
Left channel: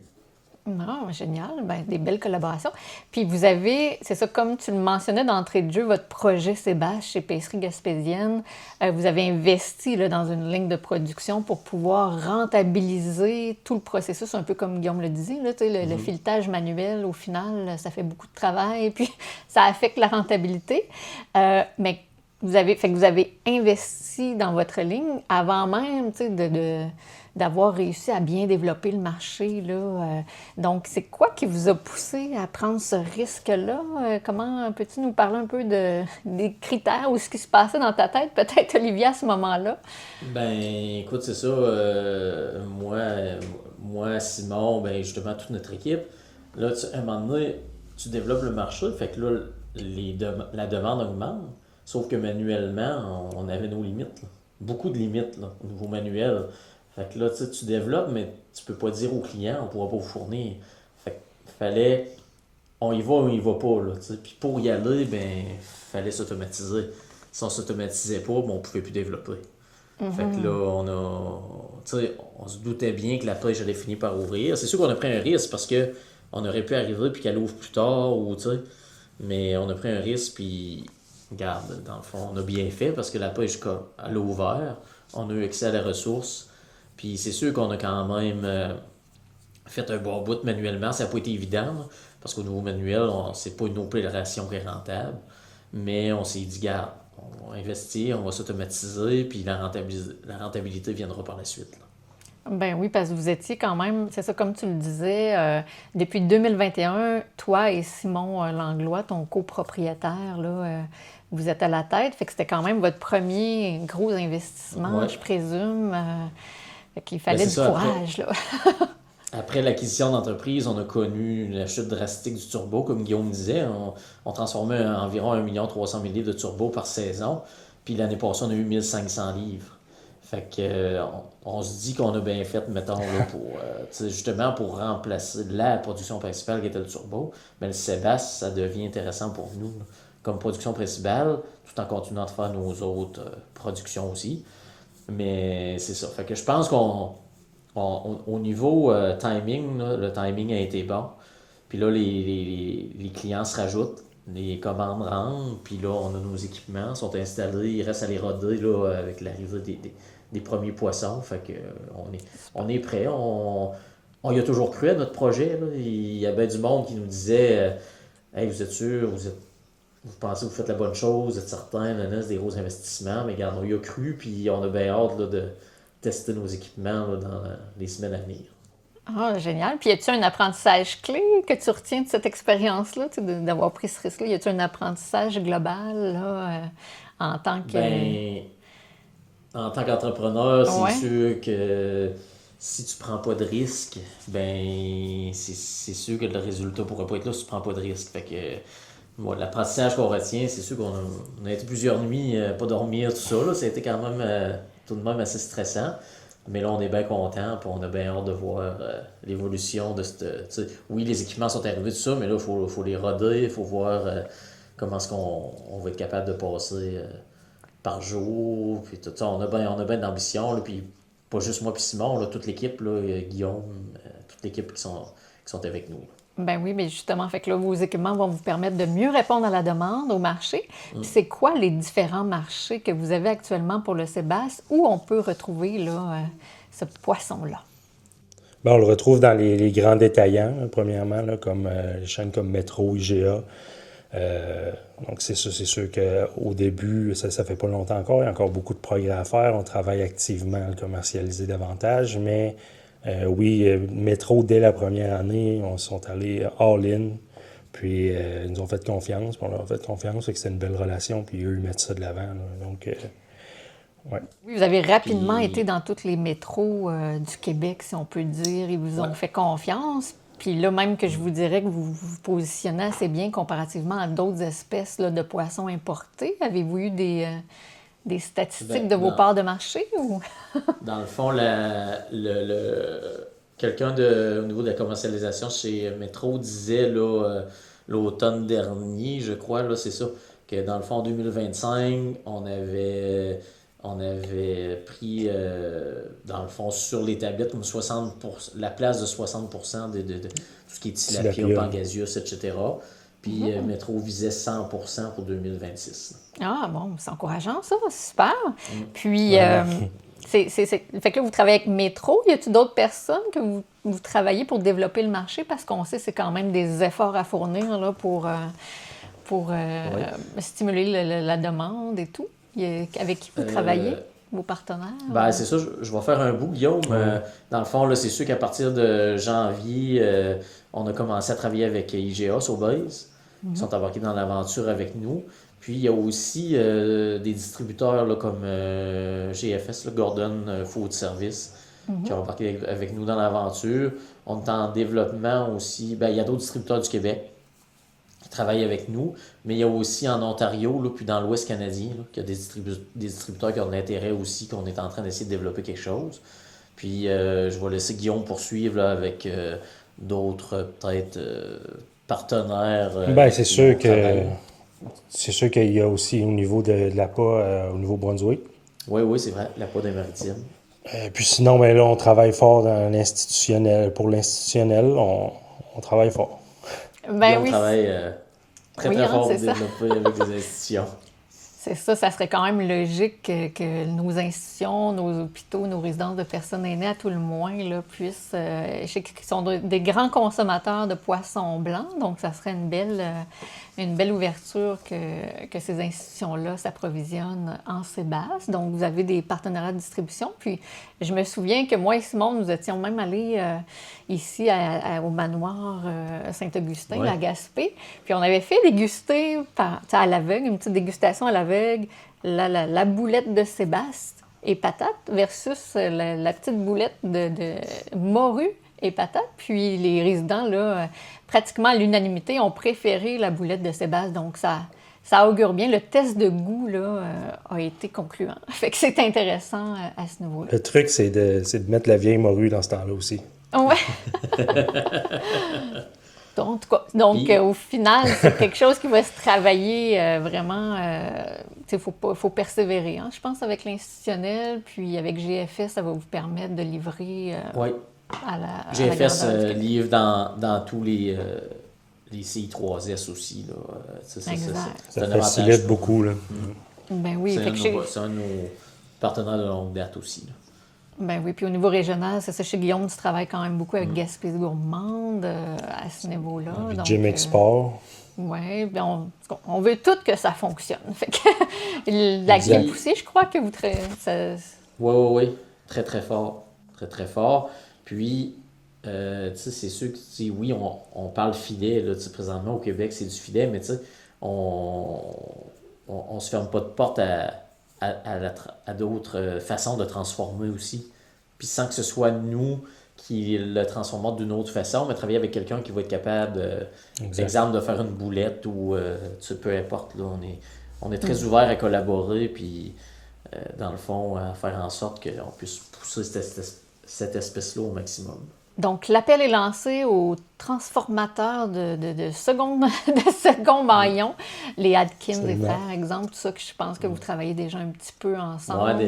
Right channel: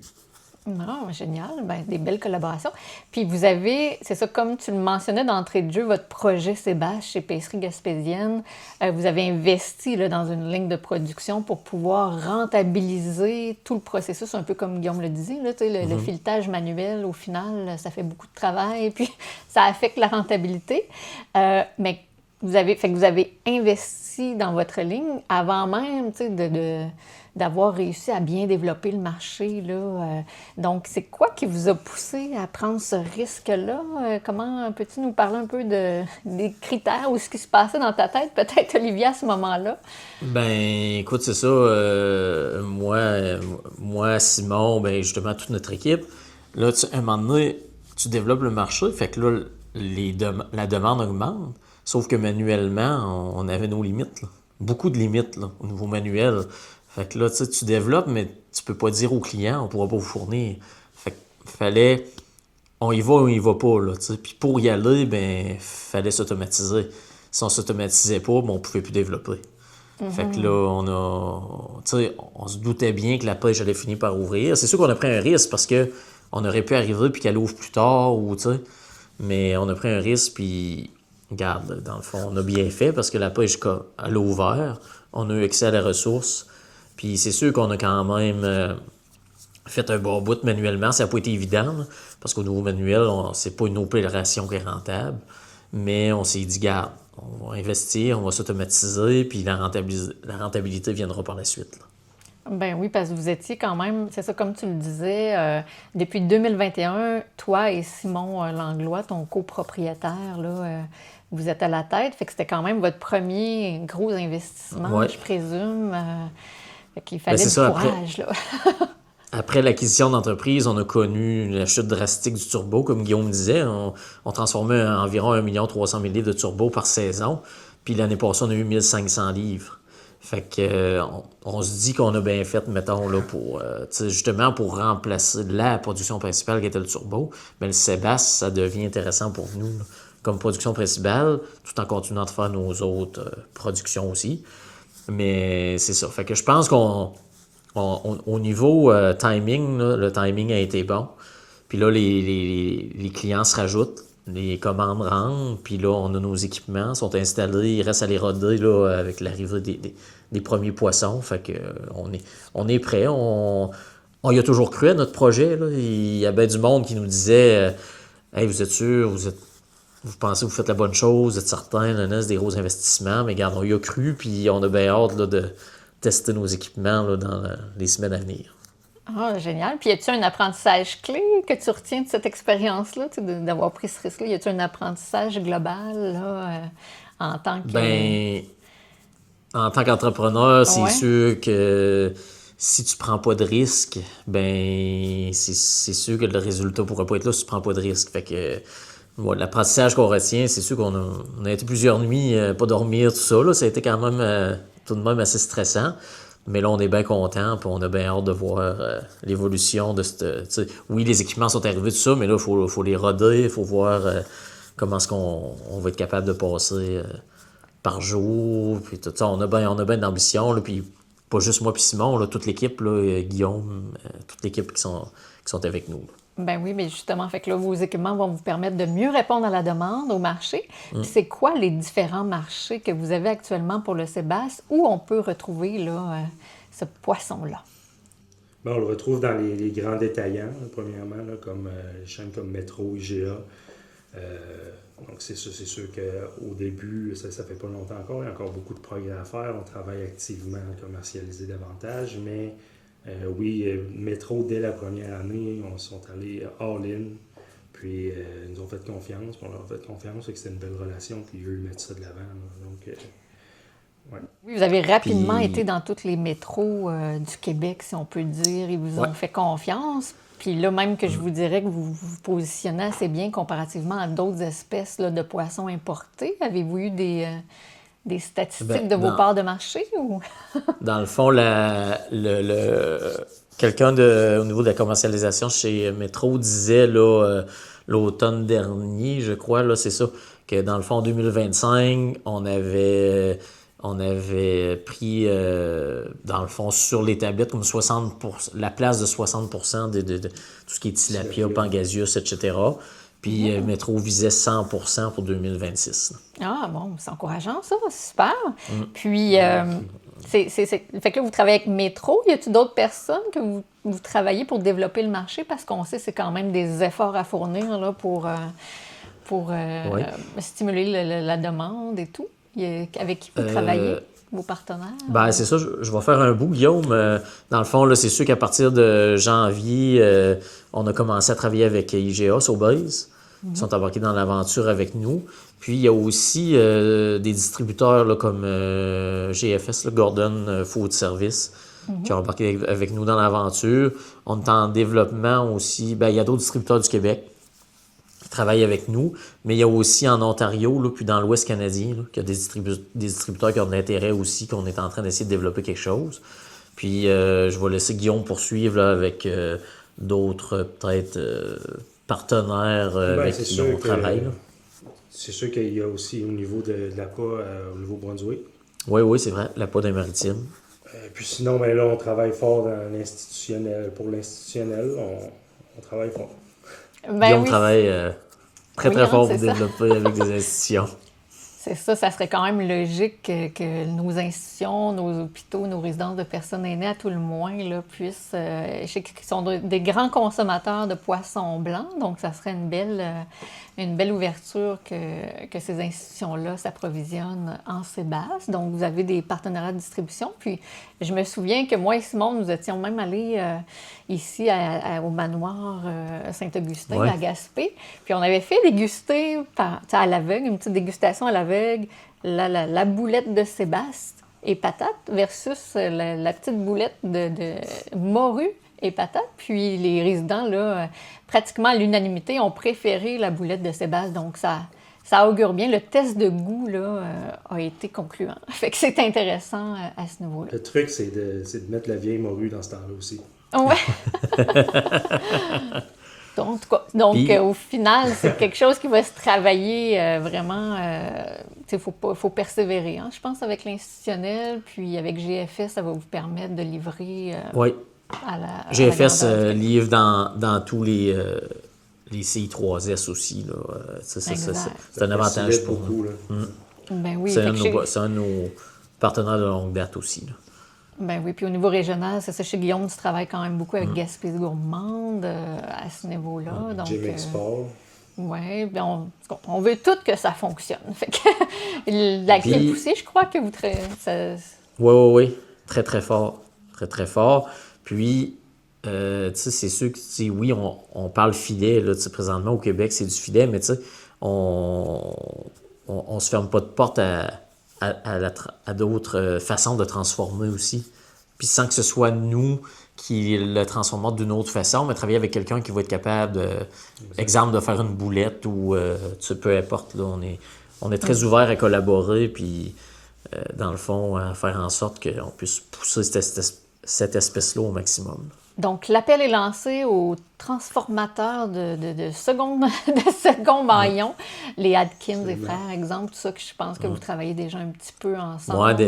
Non, génial. Ben, des belles collaborations. Puis vous avez, c'est ça, comme tu le mentionnais d'entrée de jeu, votre projet Sébastien chez Pêcherie Gaspésienne, vous avez investi là, dans une ligne de production pour pouvoir rentabiliser tout le processus, un peu comme Guillaume le disait. Là, le filetage manuel, au final, ça fait beaucoup de travail, puis ça affecte la rentabilité. Mais vous avez investi dans votre ligne avant même d'avoir réussi à bien développer le marché. Là. Donc, c'est quoi qui vous a poussé à prendre ce risque-là? Comment peux-tu nous parler un peu des critères ou ce qui se passait dans ta tête, peut-être, Olivier, à ce moment-là? Ben, écoute, c'est ça. Moi, Simon, ben, justement, toute notre équipe, là, à un moment donné, tu développes le marché, fait que là, la demande augmente, sauf que manuellement, on avait nos limites, là. Beaucoup de limites là, au niveau manuel. Fait que là, tu développes, mais tu peux pas dire au client, on pourra pas vous fournir. Fait que fallait, on y va ou on y va pas, là, tu sais. Puis pour y aller, ben, fallait s'automatiser. Si on s'automatisait pas, ben, on pouvait plus développer. Fait que là, on se doutait bien que la pêche allait finir par ouvrir. C'est sûr qu'on a pris un risque parce que on aurait pu arriver puis qu'elle ouvre plus tard, ou, tu sais. Mais on a pris un risque, puis, regarde, dans le fond, on a bien fait parce que la pêche, elle a ouvert. On a eu accès à la ressource. Puis c'est sûr qu'on a quand même fait un bon bout manuellement. Ça n'a pas été évident, là, parce qu'au niveau manuel, c'est pas une opération qui est rentable. Mais on s'est dit, garde, on va investir, on va s'automatiser, puis la rentabilité viendra par la suite. Là. Ben oui, parce que vous étiez quand même, c'est ça, comme tu le disais, depuis 2021, toi et Simon Langlois, ton copropriétaire, là, vous êtes à la tête. Fait que c'était quand même votre premier gros investissement, je présume. Fait qu'il fallait du courage, là. Après l'acquisition d'entreprise, on a connu la chute drastique du turbo. Comme Guillaume disait, on transformait environ 1 300 000 livres de turbo par saison. Puis l'année passée, on a eu 1500 livres. Fait que on se dit qu'on a bien fait, mettons, là, justement pour remplacer la production principale qui était le turbo. Mais le Sébastien, ça devient intéressant pour nous là, comme production principale, tout en continuant de faire nos autres productions aussi. Mais c'est ça. Fait que je pense au niveau timing, là, le timing a été bon. Puis là, les clients se rajoutent, les commandes rentrent, puis là, on a nos équipements, sont installés, il reste à les roder là, avec l'arrivée des premiers poissons. Fait que on est prêt. On y a toujours cru à notre projet. Là. Il y a bien du monde qui nous disait hey, vous êtes sûr, vous pensez que vous faites la bonne chose, vous êtes certain, c'est des gros investissements, mais regarde, on y a cru, puis on a bien hâte là, de tester nos équipements là, dans les semaines à venir. Ah, génial. Puis, y a-t-il un apprentissage clé que tu retiens de cette expérience-là, d'avoir pris ce risque-là? Y a-t-il un apprentissage global là, en tant que... Ben, en tant qu'entrepreneur, c'est sûr que si tu prends pas de risque, ben c'est sûr que le résultat pourra pas être là si tu prends pas de risque. Fait que l'apprentissage qu'on retient, c'est sûr qu'on a été plusieurs nuits pas dormir, tout ça. Là, ça a été quand même tout de même assez stressant. Mais là, on est bien content, puis on a bien hâte de voir l'évolution de cette... tu sais, oui, les équipements sont arrivés, tout ça, mais là, il faut les roder, il faut voir comment est-ce qu'on va être capable de passer par jour, puis tout ça. On a bien d'ambition, là, puis pas juste moi puis Simon, là, toute l'équipe, là, Guillaume, toute l'équipe qui sont avec nous. Ben oui, mais justement, fait que là, vos équipements vont vous permettre de mieux répondre à la demande au marché. Puis c'est quoi les différents marchés que vous avez actuellement pour le sébasse où on peut retrouver là, ce poisson-là? Ben, on le retrouve dans les grands détaillants, premièrement, là, comme les chaînes comme Métro, IGA. Donc c'est sûr qu'au début, ça fait pas longtemps encore, il y a encore beaucoup de progrès à faire. On travaille activement à le commercialiser davantage, mais oui, Métro, dès la première année, on sont allés all-in, puis ils nous ont fait confiance, puis on leur a fait confiance, et que c'est une belle relation, puis eux, ils mettent ça de l'avant. Là. Donc, ouais. Oui, vous avez rapidement Puis- été dans tous les métros du Québec, si on peut dire. Ils vous ont fait confiance. Puis là, même que je vous dirais que vous vous positionnez assez bien comparativement à d'autres espèces là, de poissons importés. Avez-vous eu des statistiques de vos non. parts de marché? Ou... Dans le fond, quelqu'un au niveau de la commercialisation chez Métro disait là, l'automne dernier, je crois, là, c'est ça, que dans le fond, en 2025, on avait pris, dans le fond, sur les tablettes, comme 60%, la place de 60% de tout ce qui est tilapia, Tilapia. pangasius, etc. Puis Métro visait 100% pour 2026. Ah bon, c'est encourageant ça, super. Puis, fait que là, vous travaillez avec Métro. Y a-t-il d'autres personnes que vous travaillez pour développer le marché? Parce qu'on sait que c'est quand même des efforts à fournir là, pour stimuler la demande et tout. Avec qui vous travaillez, vos partenaires? Ben, c'est ça, je vais faire un bout, Guillaume. Dans le fond, là, c'est sûr qu'à partir de janvier, on a commencé à travailler avec IGA, Sobeys. Ils sont embarqués dans l'aventure avec nous. Puis, il y a aussi des distributeurs là, comme GFS, là, Gordon Food Service, qui ont embarqué avec nous dans l'aventure. On est en développement aussi. Ben, il y a d'autres distributeurs du Québec qui travaillent avec nous, mais il y a aussi en Ontario, là, puis dans l'Ouest canadien, là, qu'il y a des distributeurs qui ont de l'intérêt aussi, qu'on est en train d'essayer de développer quelque chose. Puis je vais laisser Guillaume poursuivre là, avec d'autres, peut-être, partenaires. Ben, avec c'est qui sûr on travaille, là. c'est sûr qu'il y a aussi au niveau de l'APA, au Nouveau-Brunswick. Oui, c'est vrai, la peau des maritimes. Puis sinon, ben là, on travaille fort dans l'institutionnel. Pour l'institutionnel, on travaille fort. Ben Guillaume oui, travaille très Oui, fort c'est pour ça. développer avec des institutions. c'est ça. Ça serait quand même logique que nos institutions, nos hôpitaux, nos résidences de personnes aînées, à tout le moins, là, puissent... je sais qu'ils sont des grands consommateurs de poissons blancs, donc ça serait une belle ouverture que ces institutions-là s'approvisionnent en sébasse. Donc, vous avez des partenariats de distribution. Puis, je me souviens que moi et Simon, nous étions même allés ici au manoir Saint-Augustin, Ouais. à Gaspé. Puis, on avait fait déguster à l'aveugle, une petite dégustation à l'aveugle, la boulette de sébasse et patate versus la petite boulette de morue et patates. Puis les résidents, là, pratiquement à l'unanimité, ont préféré la boulette de sébasse. Donc, ça augure bien. Le test de goût, là, a été concluant. Fait que c'est intéressant à ce niveau-là. Le truc, c'est de mettre la vieille morue dans ce temps-là aussi. Ouais. En tout cas, donc, Puis- au final, c'est quelque chose qui va se travailler vraiment. Il faut persévérer, hein, je pense, avec l'institutionnel. Puis avec GFS, ça va vous permettre de livrer Oui. à la GFS grandeur du Québec. livre dans tous les CI3S aussi. Là. C'est Exact. un Ça avantage. facilite pour nous. beaucoup. Là. Ben oui, C'est fait que c'est un de nos partenaires de longue date aussi. Là. ben oui, puis au niveau régional, c'est ça, chez Guillaume, tu travailles quand même beaucoup avec Gaspésie gourmande à ce niveau-là. Donc, Gym Export. oui, ben on veut tout que ça fonctionne. Fait que la crème poussée, je crois que vous Oui. Très, très fort. Très, très fort. Puis, tu sais, c'est sûr que, oui, on parle filet, là, tu sais, présentement au Québec, c'est du filet, mais tu sais, on se ferme pas de porte à d'autres façons de transformer aussi. Puis sans que ce soit nous qui le transformons d'une autre façon, mais travailler avec quelqu'un qui va être capable, exemple, de faire une boulette ou tu sais, peu importe. Là, on est très ouvert à collaborer. Puis dans le fond, à faire en sorte qu'on puisse pousser cette espèce-là au maximum. Donc, l'appel est lancé aux transformateurs de second maillon, les Atkins et frères, exemple, tout ça que je pense que vous travaillez déjà un petit peu ensemble.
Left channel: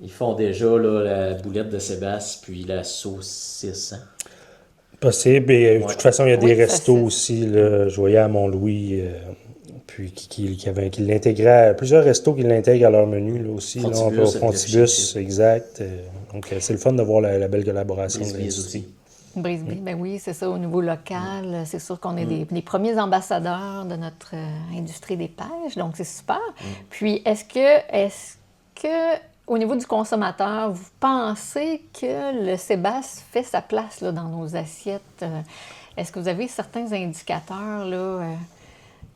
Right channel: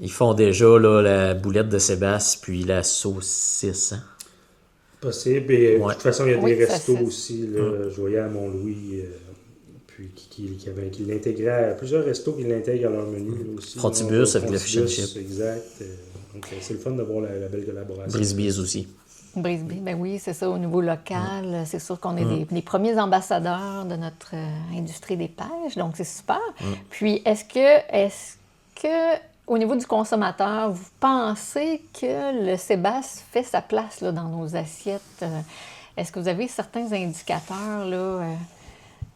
Ils font déjà là, la boulette de Sébastien puis la saucisse. Hein? Possible. Et de toute façon, il y a des restos aussi. Là, je voyais à Mont-Louis, puis qui l'intégraient, plusieurs restos qui l'intègrent à leur menu là, aussi. Frontibus, exact. Donc, c'est le fun de voir la belle collaboration. Brisbys aussi. Brisby, ben oui, c'est ça, au niveau local. C'est sûr qu'on est des premiers ambassadeurs de notre industrie des pêches, donc c'est super. Puis, est-ce que, au niveau du consommateur, vous pensez que le Sébastien fait sa place là, dans nos assiettes? Est-ce que vous avez certains indicateurs là,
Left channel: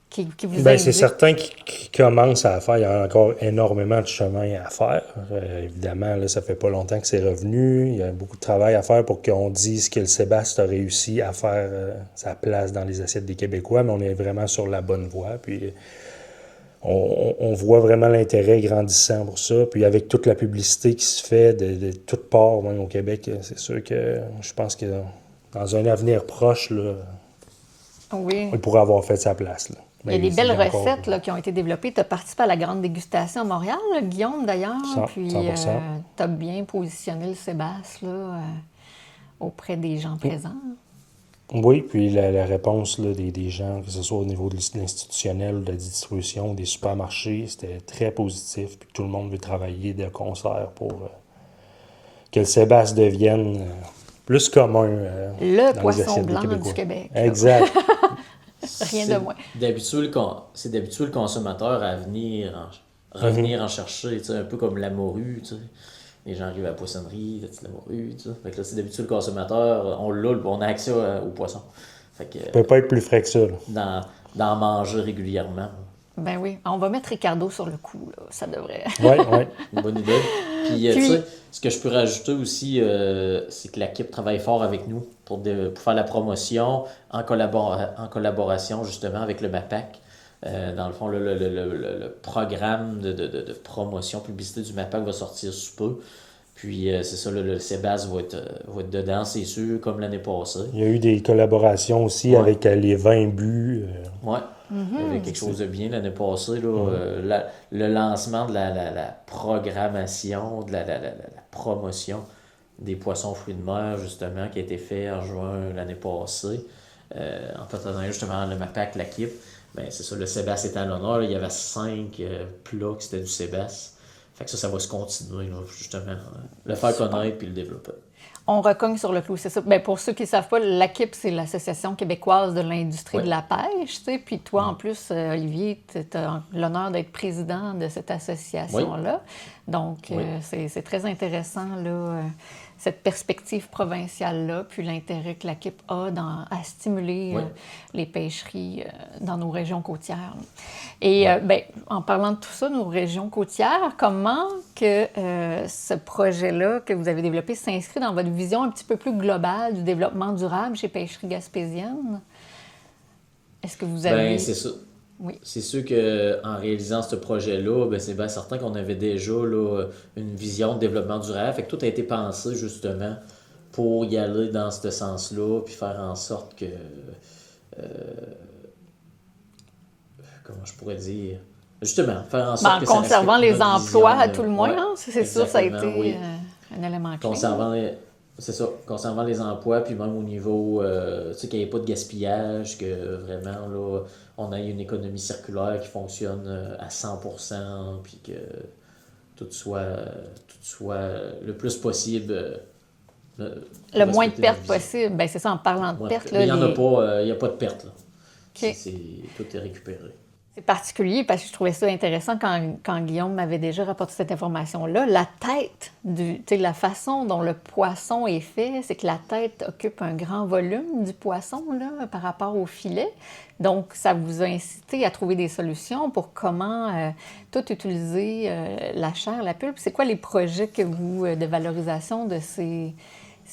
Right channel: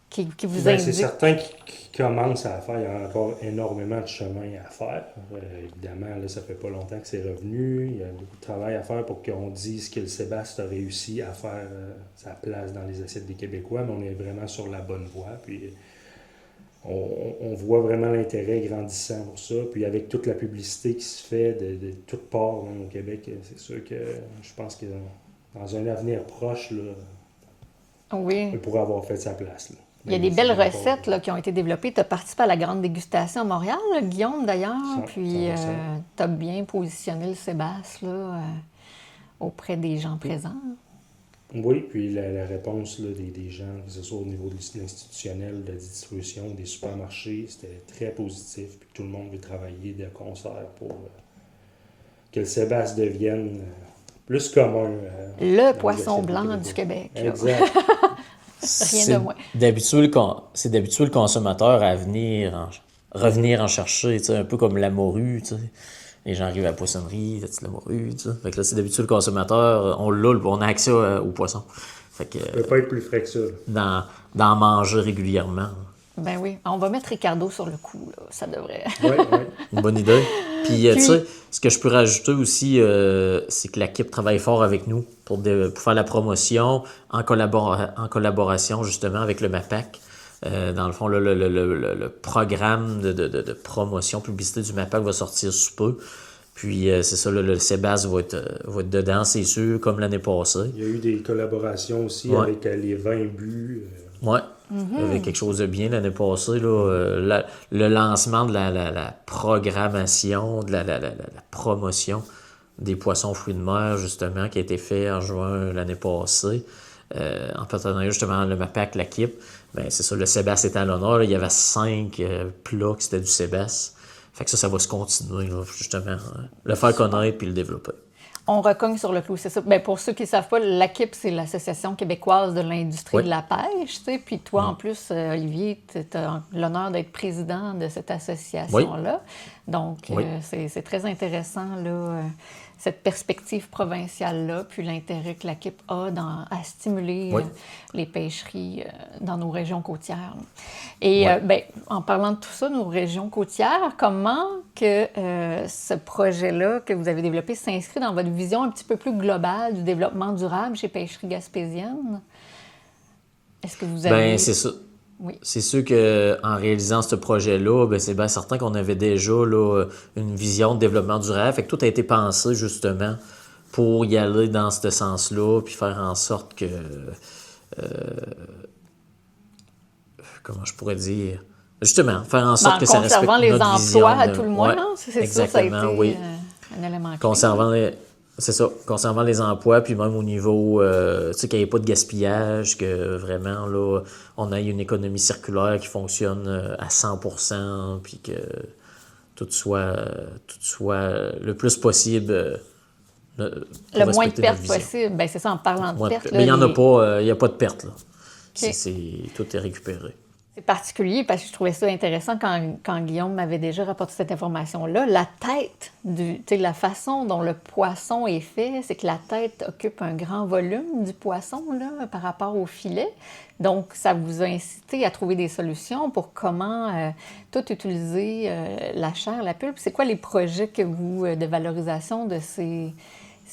qui vous indiquent? C'est certain qui commencent à faire. Il y a encore énormément de chemin à faire. Évidemment, là, ça fait pas longtemps que c'est revenu. Il y a beaucoup de travail à faire pour qu'on dise que le Sébastien a réussi à faire sa place dans les assiettes des Québécois, mais on est vraiment sur la bonne voie. Puis on voit vraiment l'intérêt grandissant pour ça. Puis avec toute la publicité qui se fait de toutes parts, même au Québec, c'est sûr que je pense que dans un avenir proche, là, il pourrait avoir fait sa place. Là. Il y a des belles recettes là, qui ont été développées. Tu as participé à la grande dégustation à Montréal, là, Guillaume, d'ailleurs. Puis tu as bien positionné le Sébastien là, auprès des gens présents. Oui, puis la réponse là, des gens, que ce soit au niveau de l'institutionnel, de la distribution, des supermarchés, c'était très positif. Puis tout le monde veut travailler de concert pour que le Sébastien devienne plus commun. Le poisson blanc du Québec. Exact. Rien de moins. C'est d'habituer le consommateur à revenir en chercher, un peu comme la morue. Les gens arrivent à la poissonnerie, la morue, tu sais. Fait que là, c'est d'habitude le consommateur, on a accès au poisson. Fait que, ça peut pas être plus frais que ça. D'en manger régulièrement. Ben oui. On va mettre Ricardo sur le coup, là. Ça devrait. Oui. Une bonne idée. Puis, tu sais, ce que je peux rajouter aussi, c'est que l'équipe travaille fort avec nous pour faire la promotion en collaboration justement avec le MAPAC. Dans le fond, le programme de promotion, publicité du MAPAC va sortir sous peu. Puis, c'est ça, le Sébastien va être dedans, c'est sûr, comme l'année passée. Il y a eu des collaborations aussi avec les 20 buts. Oui, il y avait quelque chose de bien l'année passée. Là, le lancement de la programmation, de la promotion des poissons fruits de mer, justement, qui a été fait en juin l'année passée, en partenariat justement le MAPAC, l'équipe. Bien, c'est ça, le Sébastien était à l'honneur. Là, il y avait 5 plats qui c'était du Sébastien. Fait que ça va se continuer, là, justement. Le faire connaître puis le développer. On recogne sur le clou, c'est ça. Bien, pour ceux qui ne savent pas, l'AQIP, c'est l'Association québécoise de l'industrie de la pêche. Tu sais. Puis toi, en plus, Olivier, tu as l'honneur d'être président de cette association-là. Donc, c'est très intéressant, là, cette perspective provinciale-là, puis l'intérêt que l'AQIP a à stimuler les pêcheries dans nos régions côtières. Et bien, en parlant de tout ça, nos régions côtières, comment que ce projet-là que vous avez développé s'inscrit dans votre vision un petit peu plus globale du développement durable chez Pêcheries Gaspésiennes? Est-ce que vous avez... Bien, c'est ça. Oui. C'est sûr qu'en réalisant ce projet-là, bien, c'est bien certain qu'on avait déjà là, une vision de développement durable. Fait que tout a été pensé justement pour y aller dans ce sens-là, puis faire en sorte que... comment je pourrais dire? Justement, faire en sorte que ça respecte conservant les emplois, vision, à tout le moins, hein? C'est sûr, ça a été un élément clé. Conservant les emplois, puis même au niveau, tu sais, qu'il n'y ait pas de gaspillage, que vraiment, là, on ait une économie circulaire qui fonctionne à 100%, puis que tout soit le plus possible. Le moins de pertes possible. Bien, c'est ça, en parlant de pertes. Mais il n'y a pas de pertes, là. Okay. Tout est récupéré. C'est particulier parce que je trouvais ça intéressant quand Guillaume m'avait déjà rapporté cette information-là. La tête, la façon dont le poisson est fait, c'est que la tête occupe un grand volume du poisson là, par rapport au filet. Donc, ça vous a incité à trouver des solutions pour comment tout utiliser, la chair, la pulpe. C'est quoi les projets que vous, de valorisation de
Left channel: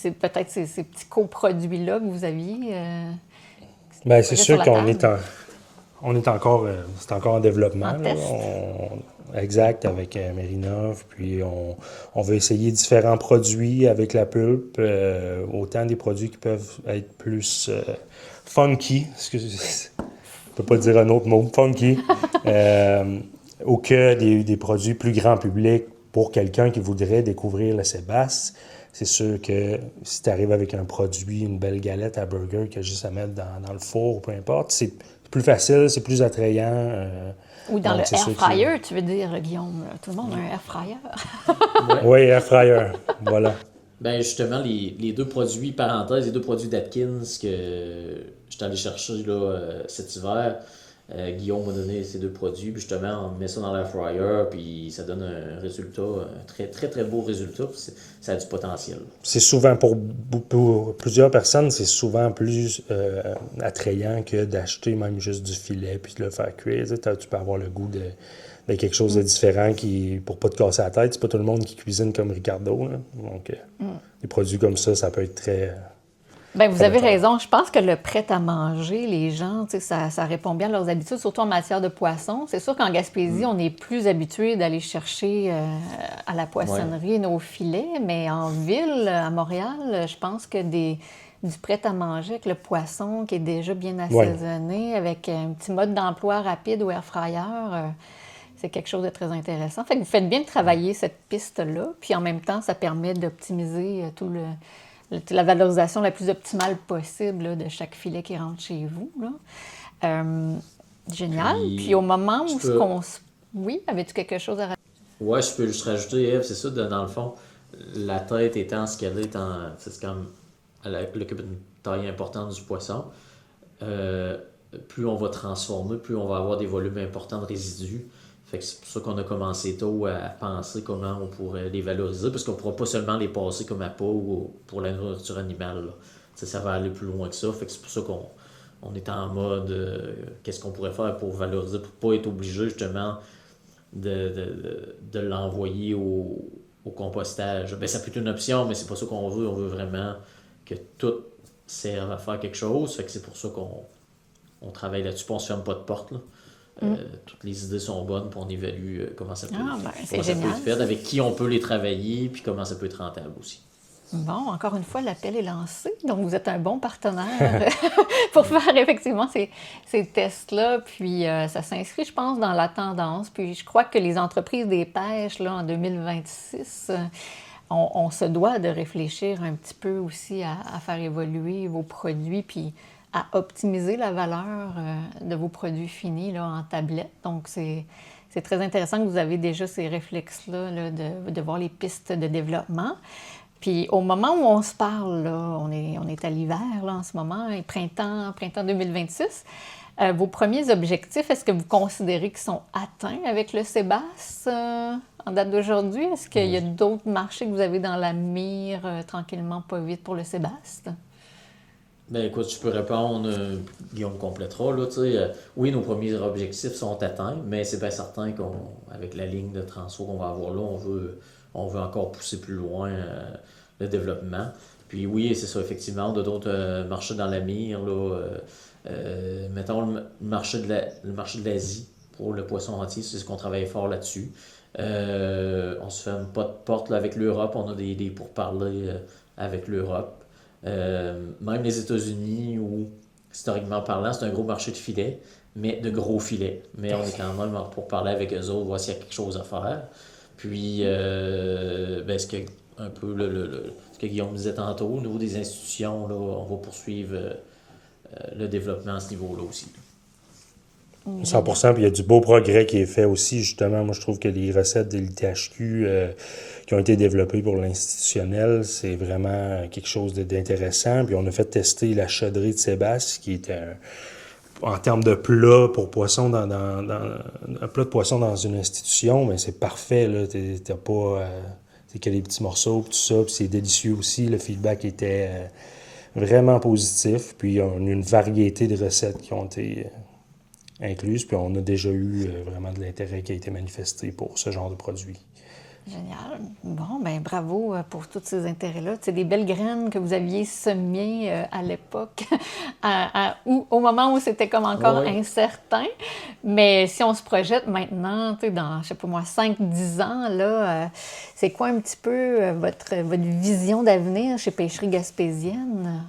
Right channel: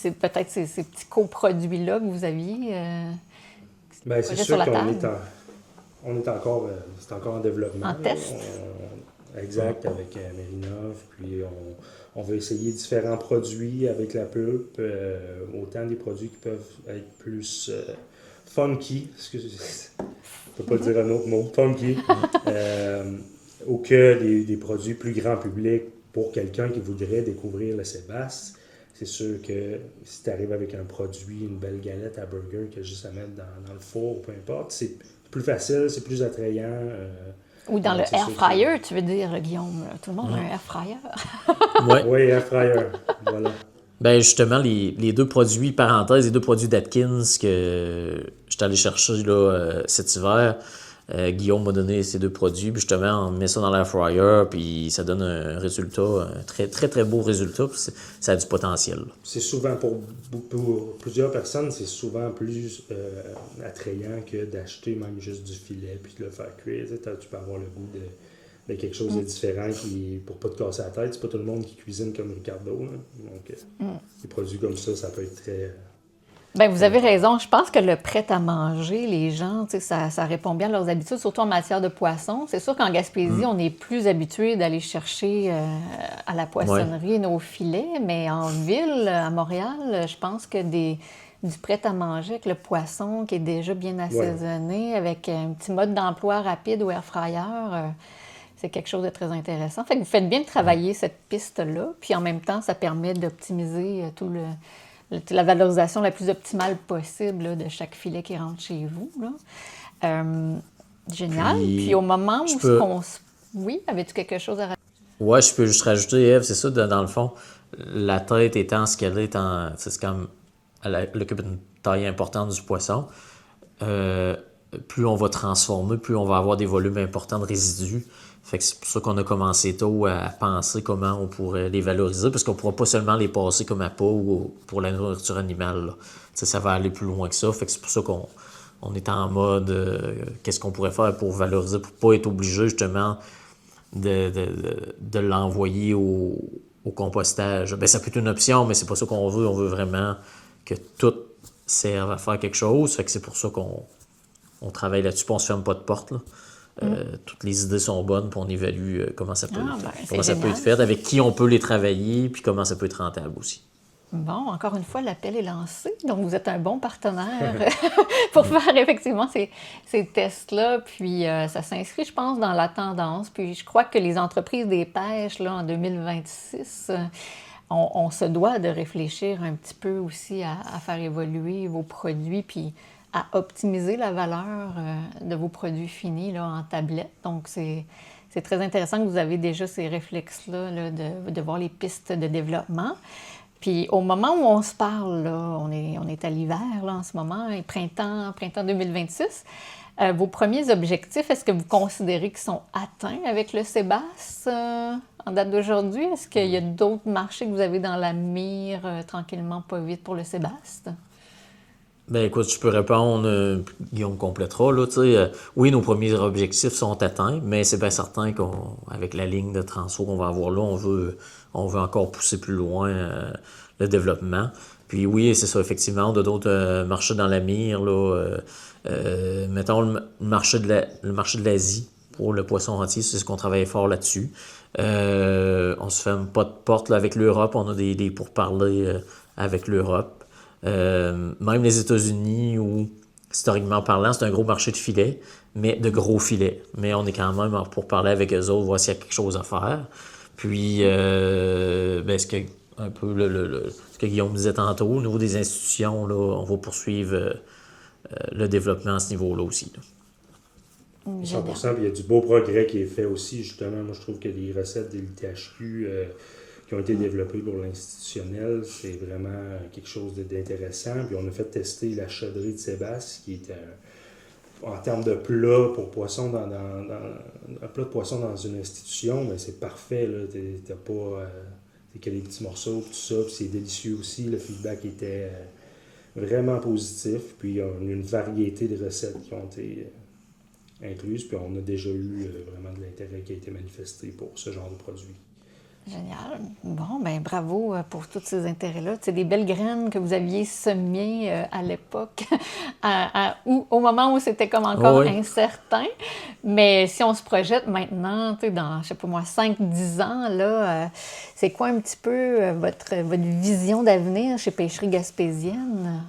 peut-être ces petits coproduits-là que vous aviez? Bien, c'est sûr qu'on est encore en développement. En test? exact, avec Mérinov. Puis on veut essayer différents produits avec la pulpe, autant des produits qui peuvent être plus funky, excusez, je ne peux pas dire un autre mot, funky, ou que des produits plus grand public pour quelqu'un qui voudrait découvrir le Sébaste. C'est sûr que si tu arrives avec un produit, une belle galette à burger que juste à mettre dans le four ou peu importe, c'est plus facile, c'est plus attrayant. Ou dans le c'est air sûr fryer, tu veux dire, Guillaume. Tout le monde a un air fryer. Oui, air fryer, voilà. Ben justement, les deux produits, parenthèse, les deux produits d'Atkins que j'étais allé chercher là, cet hiver, Guillaume m'a donné ces deux produits, puis justement, on met ça dans l'air fryer, puis ça donne un résultat, un très très très beau résultat, puis ça a du potentiel. C'est souvent, pour plusieurs personnes, c'est souvent plus attrayant que d'acheter même juste du filet puis de le faire cuire. Tu peux avoir le goût de quelque chose de différent qui, pour pas te casser la tête. C'est pas tout le monde qui cuisine comme Ricardo. Là. Donc, des produits comme ça peut être très... Bien, vous avez raison. Je pense que le prêt-à-manger, les gens, ça répond bien à leurs habitudes, surtout en matière de poisson. C'est sûr qu'en Gaspésie, on est plus habitué d'aller chercher à la poissonnerie nos filets, mais en ville, à Montréal, je pense que du prêt-à-manger avec le poisson qui est déjà bien assaisonné, avec un petit mode d'emploi rapide au air fryer, c'est quelque chose de très intéressant. Fait que vous faites bien de travailler cette piste-là, puis en même temps, ça permet d'optimiser la valorisation la plus optimale possible là, de chaque filet qui rentre chez vous. Là. Génial. Puis au moment où Oui, avais-tu quelque chose à rajouter? Ouais, je peux juste rajouter, Ève, c'est ça, dans le fond, la tête étant ce qu'elle est, c'est comme elle occupe une taille importante du poisson. Plus on va transformer, plus on va avoir des volumes importants de résidus. Fait que c'est pour ça qu'on a commencé tôt à penser comment on pourrait les valoriser, parce qu'on ne pourra pas seulement les passer comme à peau ou pour la nourriture animale. Ça va aller plus loin que ça. Fait que c'est pour ça qu'on est en mode qu'est-ce qu'on pourrait faire pour valoriser, pour ne pas être obligé justement de l'envoyer au compostage. Ben, ça peut être une option, mais c'est pas ça qu'on veut. On veut vraiment que tout serve à faire quelque chose. Fait que c'est pour ça qu'on travaille là-dessus, puis on se ferme pas de porte. Là. Toutes les idées sont bonnes, puis on évalue comment ça peut être fait, avec qui on peut les travailler, puis comment ça peut être rentable aussi. Bon, encore une fois, l'appel est lancé. Donc, vous êtes un bon partenaire pour faire effectivement ces tests-là. Puis, ça s'inscrit, je pense, dans la tendance. Puis, je crois que les entreprises des pêches, là, en 2026, on se doit de réfléchir un petit peu aussi à faire évoluer vos produits, puis à optimiser la valeur de vos produits finis là, en tablette. Donc, c'est très intéressant que vous avez déjà ces réflexes-là là, de voir les pistes de développement. Puis, au moment où on se parle, là, on est à l'hiver là, en ce moment, et printemps 2026, vos premiers objectifs, est-ce que vous considérez qu'ils sont atteints avec le Sébaste en date d'aujourd'hui? Est-ce qu'il y a d'autres marchés que vous avez dans la mire tranquillement, pas vite pour le Sébaste? Ben écoute, je peux répondre, Guillaume complétera. Là, oui, nos premiers objectifs sont atteints, mais c'est bien certain qu'avec la ligne de transfert qu'on va avoir là, on veut encore pousser plus loin le développement. Puis oui, c'est ça, effectivement, de d'autres marchés dans la mire. Là, mettons le marché de l'Asie pour le poisson entier, c'est ce qu'on travaille fort là-dessus. On se ferme pas de porte là, avec l'Europe, on a des pourparlers avec l'Europe. Même les États-Unis, où historiquement parlant, c'est un gros marché de filets, mais de gros filets. Mais on est quand même pour parler avec eux autres, voir s'il y a quelque chose à faire. Puis, ce que un peu ce que Guillaume disait tantôt, au niveau des institutions, là, on va poursuivre le développement à ce niveau-là aussi. Là. 100%, puis il y a du beau progrès qui est fait aussi, justement. Moi, je trouve que les recettes de l'ITHQ qui ont été développées pour l'institutionnel, c'est vraiment quelque chose d'intéressant. Puis on a fait tester la chaudrée de Sébastien, qui était en termes de plat pour poisson, un plat de poisson dans une institution, mais c'est parfait, là. T'as pas... c'est que les petits morceaux, tout ça, puis c'est délicieux aussi. Le feedback était vraiment positif. Puis on a une variété de recettes qui ont été incluses, puis on a déjà eu vraiment de l'intérêt qui a été manifesté pour ce genre de produit. Génial. Bon, ben bravo pour tous ces intérêts-là. C'est des belles graines que vous aviez semées à l'époque, au moment où c'était comme encore incertain. Mais si on se projette maintenant, dans, je sais pas moi, 5-10 ans, là, c'est quoi un petit peu votre vision d'avenir chez Pêcherie Gaspésienne?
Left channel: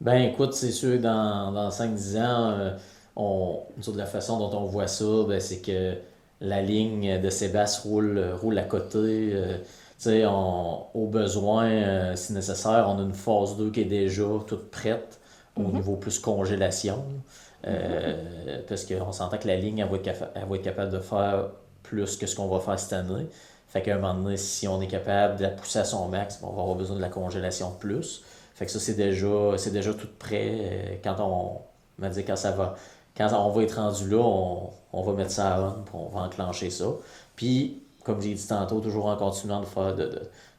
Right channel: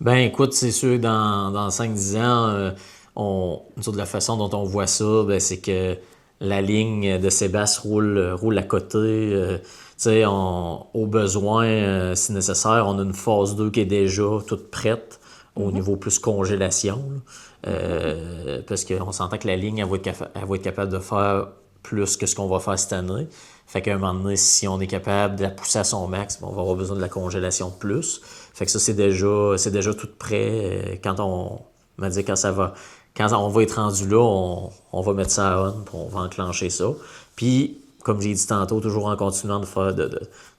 Ben écoute, c'est sûr, dans 5-10 ans, nous autres, de la façon dont on voit ça, ben, c'est que la ligne de Sébastien roule à côté. Tu sais, au besoin, si nécessaire, on a une phase 2 qui est déjà toute prête au niveau plus congélation. Parce qu'on s'entend que la ligne, elle va être capable de faire plus que ce qu'on va faire cette année. Fait qu'à un moment donné, si on est capable de la pousser à son max, on va avoir besoin de la congélation de plus. Fait que ça, c'est déjà tout prêt. Quand on m'a dit quand on va être rendu là, on va mettre ça à on, puis on va enclencher ça. Puis, comme j'ai dit tantôt, toujours en continuant de faire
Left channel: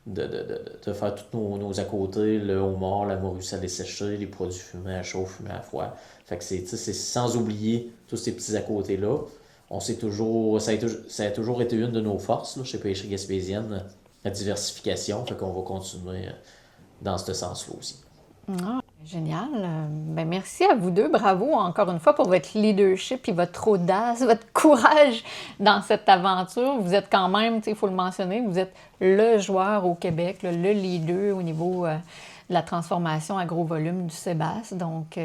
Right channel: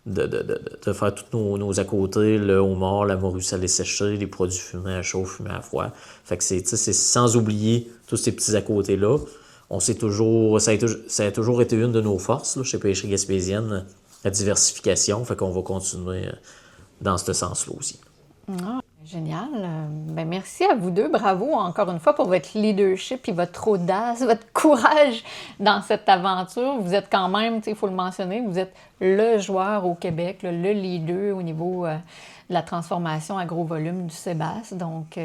de faire tous nos à côté, le homard, la morue salée séchée, les produits fumés à chaud, fumés à froid. Fait que c'est sans oublier tous ces petits à côté-là. Ça a toujours été une de nos forces là, chez Pêcherie Gaspésienne, la diversification. Fait qu'on va continuer dans ce sens-là aussi. Ah, génial. Ben, merci à vous deux. Bravo encore une fois pour votre leadership et votre audace, votre courage dans cette aventure. Vous êtes quand même, il faut le mentionner, vous êtes le joueur au Québec, le leader au niveau de la transformation à gros volume du Sébastien. Donc,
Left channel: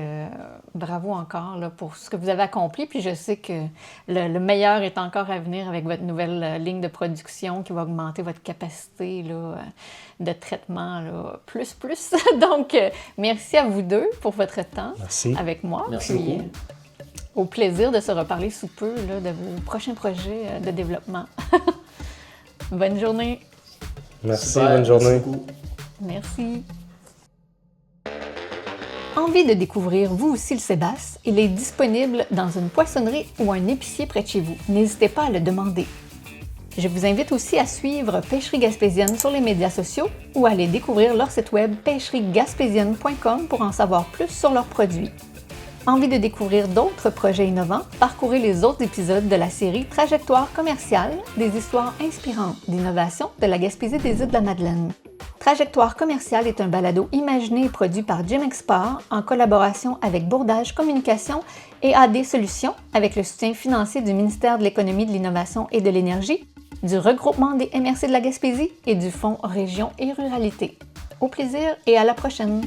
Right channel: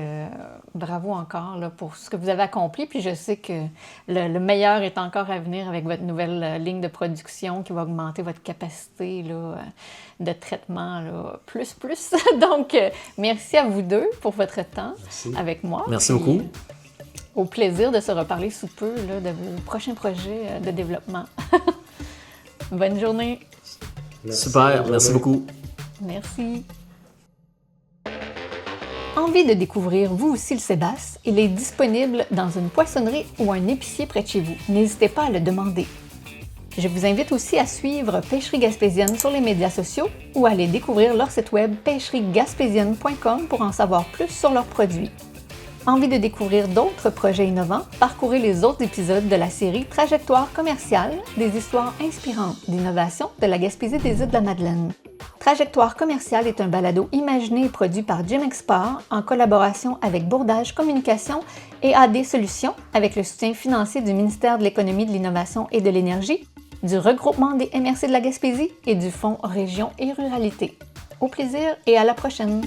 bravo encore là, pour ce que vous avez accompli. Puis je sais que le meilleur est encore à venir avec votre nouvelle ligne de production qui va augmenter votre capacité là, de traitement là, plus. Donc, merci à vous deux pour votre temps avec moi. Merci beaucoup. Au plaisir de se reparler sous peu là, de vos prochains projets de développement. Bonne journée. Merci, Super, bonne merci journée. beaucoup. Merci. Envie de découvrir vous aussi le Sébastien? Il est disponible dans une poissonnerie ou un épicier près de chez vous. N'hésitez pas à le demander. Je vous invite aussi à suivre Pêcherie Gaspésienne sur les médias sociaux ou à aller découvrir leur site web pêcheriegaspésienne.com pour en savoir plus sur leurs produits. Envie de découvrir d'autres projets innovants? Parcourez les autres épisodes de la série Trajectoire commerciale, des histoires inspirantes d'innovation de la Gaspésie des Îles-de-la-Madeleine. Trajectoire commerciale est un balado imaginé et produit par Jim Export en collaboration avec Bourdage Communication et AD Solutions avec le soutien financier du ministère de l'Économie, de l'Innovation et de l'Énergie, du regroupement des MRC de la Gaspésie et du Fonds Région et Ruralité. Au plaisir et à la prochaine!